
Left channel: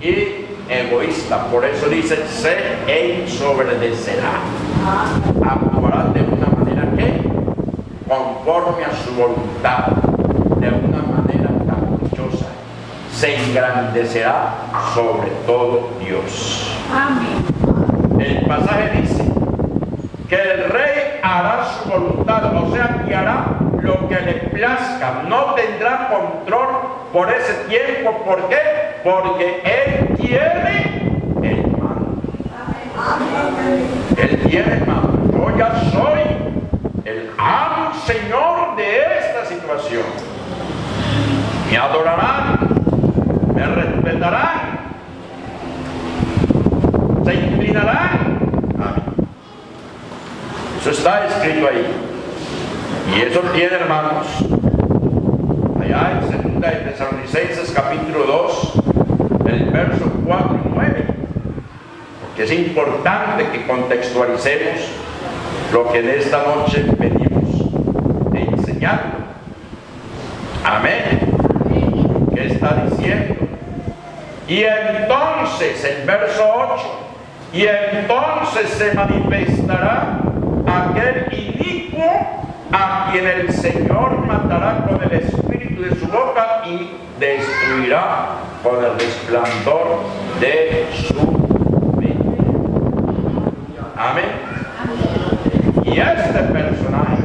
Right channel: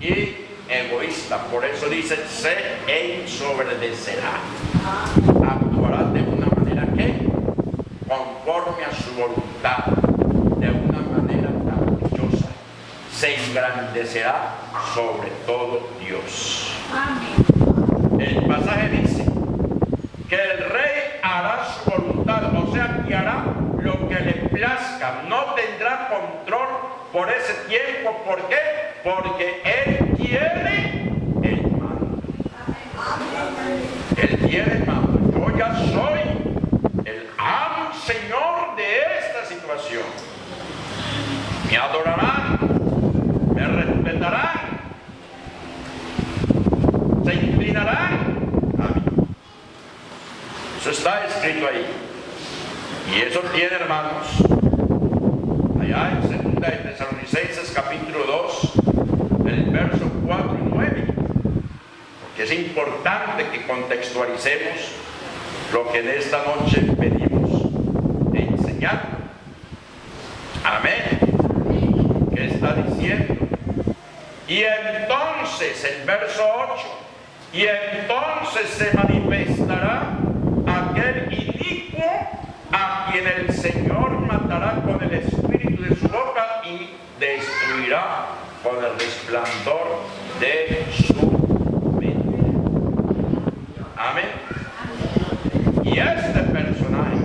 y egoísta. Por eso dice, se ensoberbecerá. Actuará de una manera que conforme a su voluntad, de una manera caprichosa, se engrandecerá sobre todo Dios. Amén. El pasaje dice que el rey hará su voluntad, o sea, que hará lo que le plazca, no tendrá control por ese tiempo. ¿Por qué? Porque Él tiene el mando. Él tiene el mando. Yo ya soy el amo Señor de esta situación. Me adorarán, me respetarán, se inclinarán a mí. Eso está escrito ahí. Y eso tiene, hermanos, allá en 2 de Tesalonicenses capítulo 2, el verso 4 y 9. Porque es importante que contextualicemos lo que en esta noche venimos enseñando. Amén. ¿Qué está diciendo? Y entonces, el verso 8, y entonces se manifestará aquel inicuo a quien el Señor matará con el espíritu de su boca y destruirá con el resplandor de su mente. Amén. Y este personaje,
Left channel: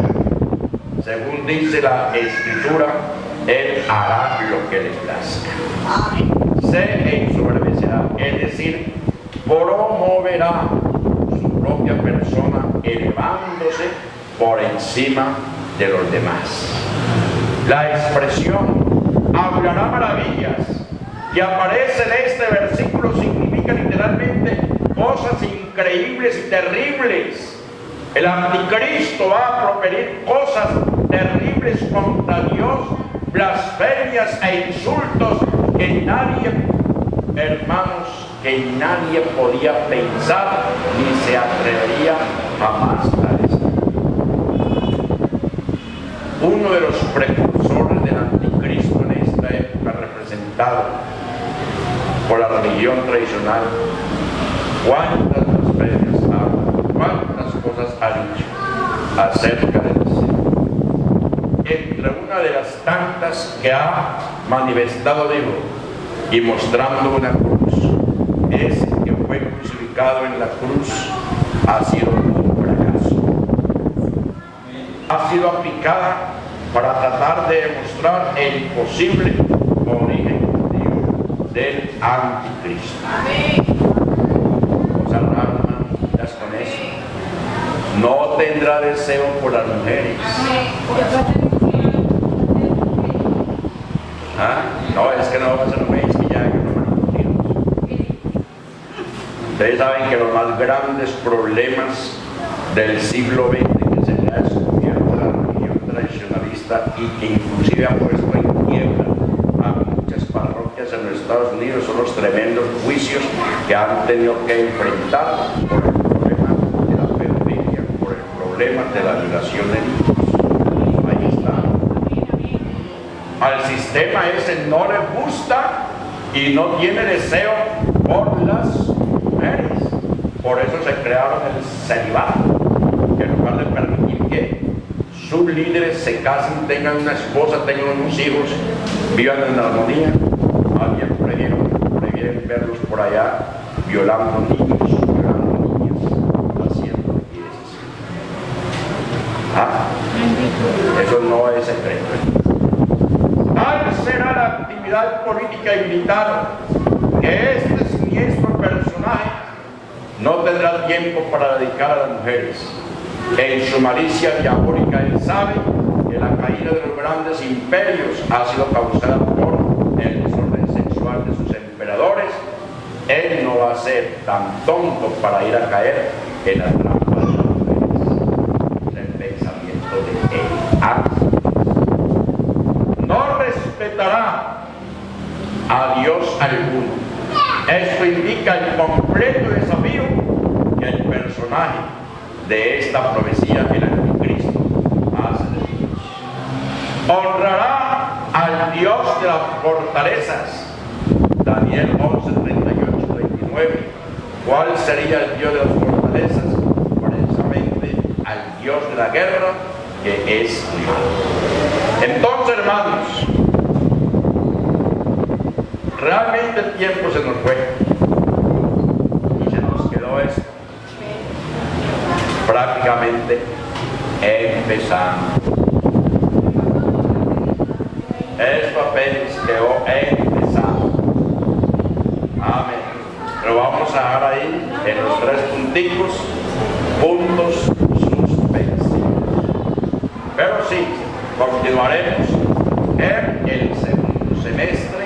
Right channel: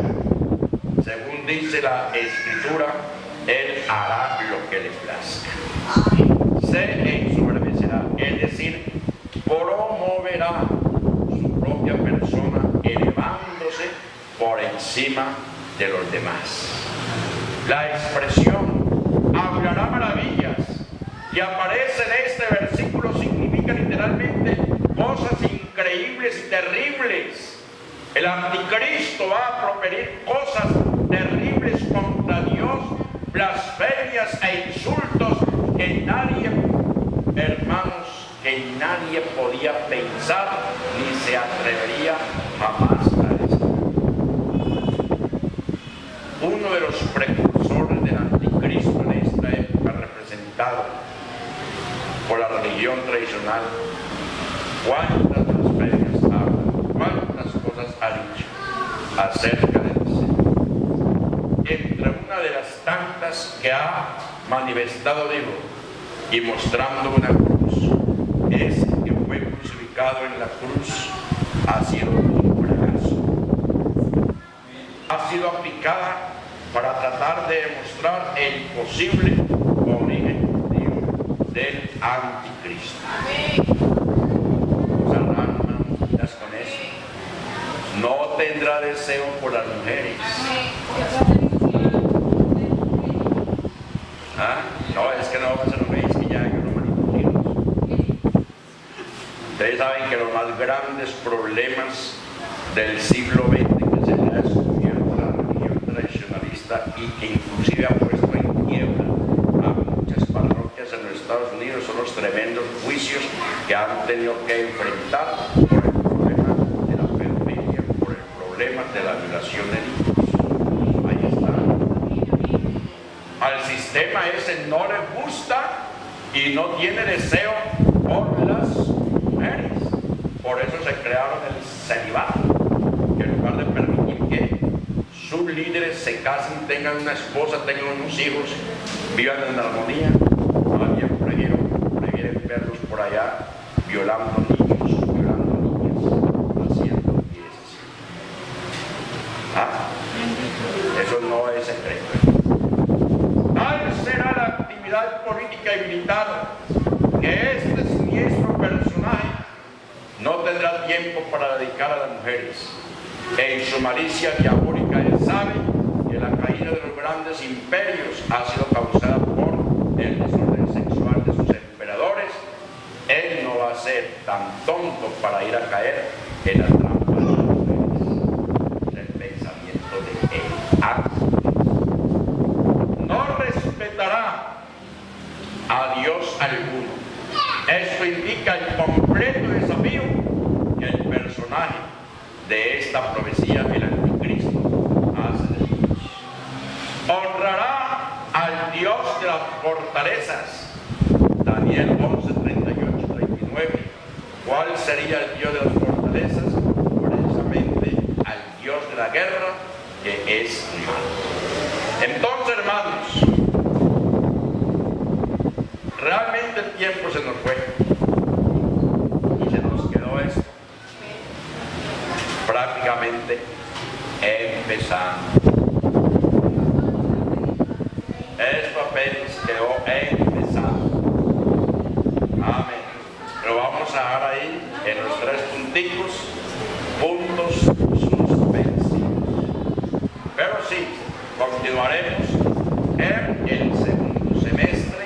según dice la Escritura, él hará lo que le plazca. Se ensoberbecerá, es decir, promoverá su propia persona, elevándose por encima de los demás. La expresión hablará maravillas que aparece en este versículo significa literalmente cosas increíbles y terribles. El anticristo va a proferir cosas terribles contra Dios, blasfemias e insultos que nadie, hermanos, que nadie podía pensar ni se atrevería jamás a decir. Uno de los precursores del anticristo en esta época, representado por la religión tradicional, cuántas blasfemias habla, cuántas cosas ha dicho acerca del Señor. Entre una de las tantas que ha manifestado, digo, y mostrando una cruz, es que fue crucificado en la cruz, ha sido un fracaso. Ha sido aplicada para tratar de demostrar el posible origen, digo, del anticristo. Cosas raras, hermanos, con eso. No tendrá deseo por las mujeres. ¿Ah? No, es que no va a ser mujeres, que ya hay unos manitos hijos. Ustedes saben que los más grandes problemas del siglo XX que se le ha descubierto la religión tradicionalista y que inclusive ha puesto en quiebra a muchas parroquias en los Estados Unidos son los tremendos juicios que han tenido que enfrentar por el problema de la pedofilia, por el problema de la violación de niños. Ahí está. Al sistema ese no le gusta y no tiene deseo por las mujeres. Por eso se crearon el celibato, que en lugar de permitir que sus líderes se casen, tengan una esposa, tengan unos hijos, vivan en armonía, más bien prefieren verlos por allá violando niños, violando niñas, haciendo piezas. ¿Ah? Eso no es secreto. Tal será la actividad política y militar que este siniestro personaje no tendrá tiempo para dedicar a las mujeres. En su malicia diabólica él sabe que la caída de los grandes imperios ha sido causada por el desorden sexual de sus emperadores. Él no va a ser tan tonto para ir a caer en la trampa de las mujeres. Es el pensamiento de él. No respetará a Dios alguno. Esto indica el completo desafío que el personaje de esta profecía, el anticristo, hace de Dios. Honrará al Dios de las fortalezas. Daniel 11, 38, 39. ¿Cuál sería el Dios de las fortalezas? Precisamente al Dios de la guerra, que es Dios. Entonces, hermanos, realmente el tiempo se nos fue y se nos quedó esto prácticamente empezando. Esto apenas quedó empezando. Amén. Pero vamos a dejar ahí en los 3 puntos suspensivos. Pero sí, continuaremos en el segundo semestre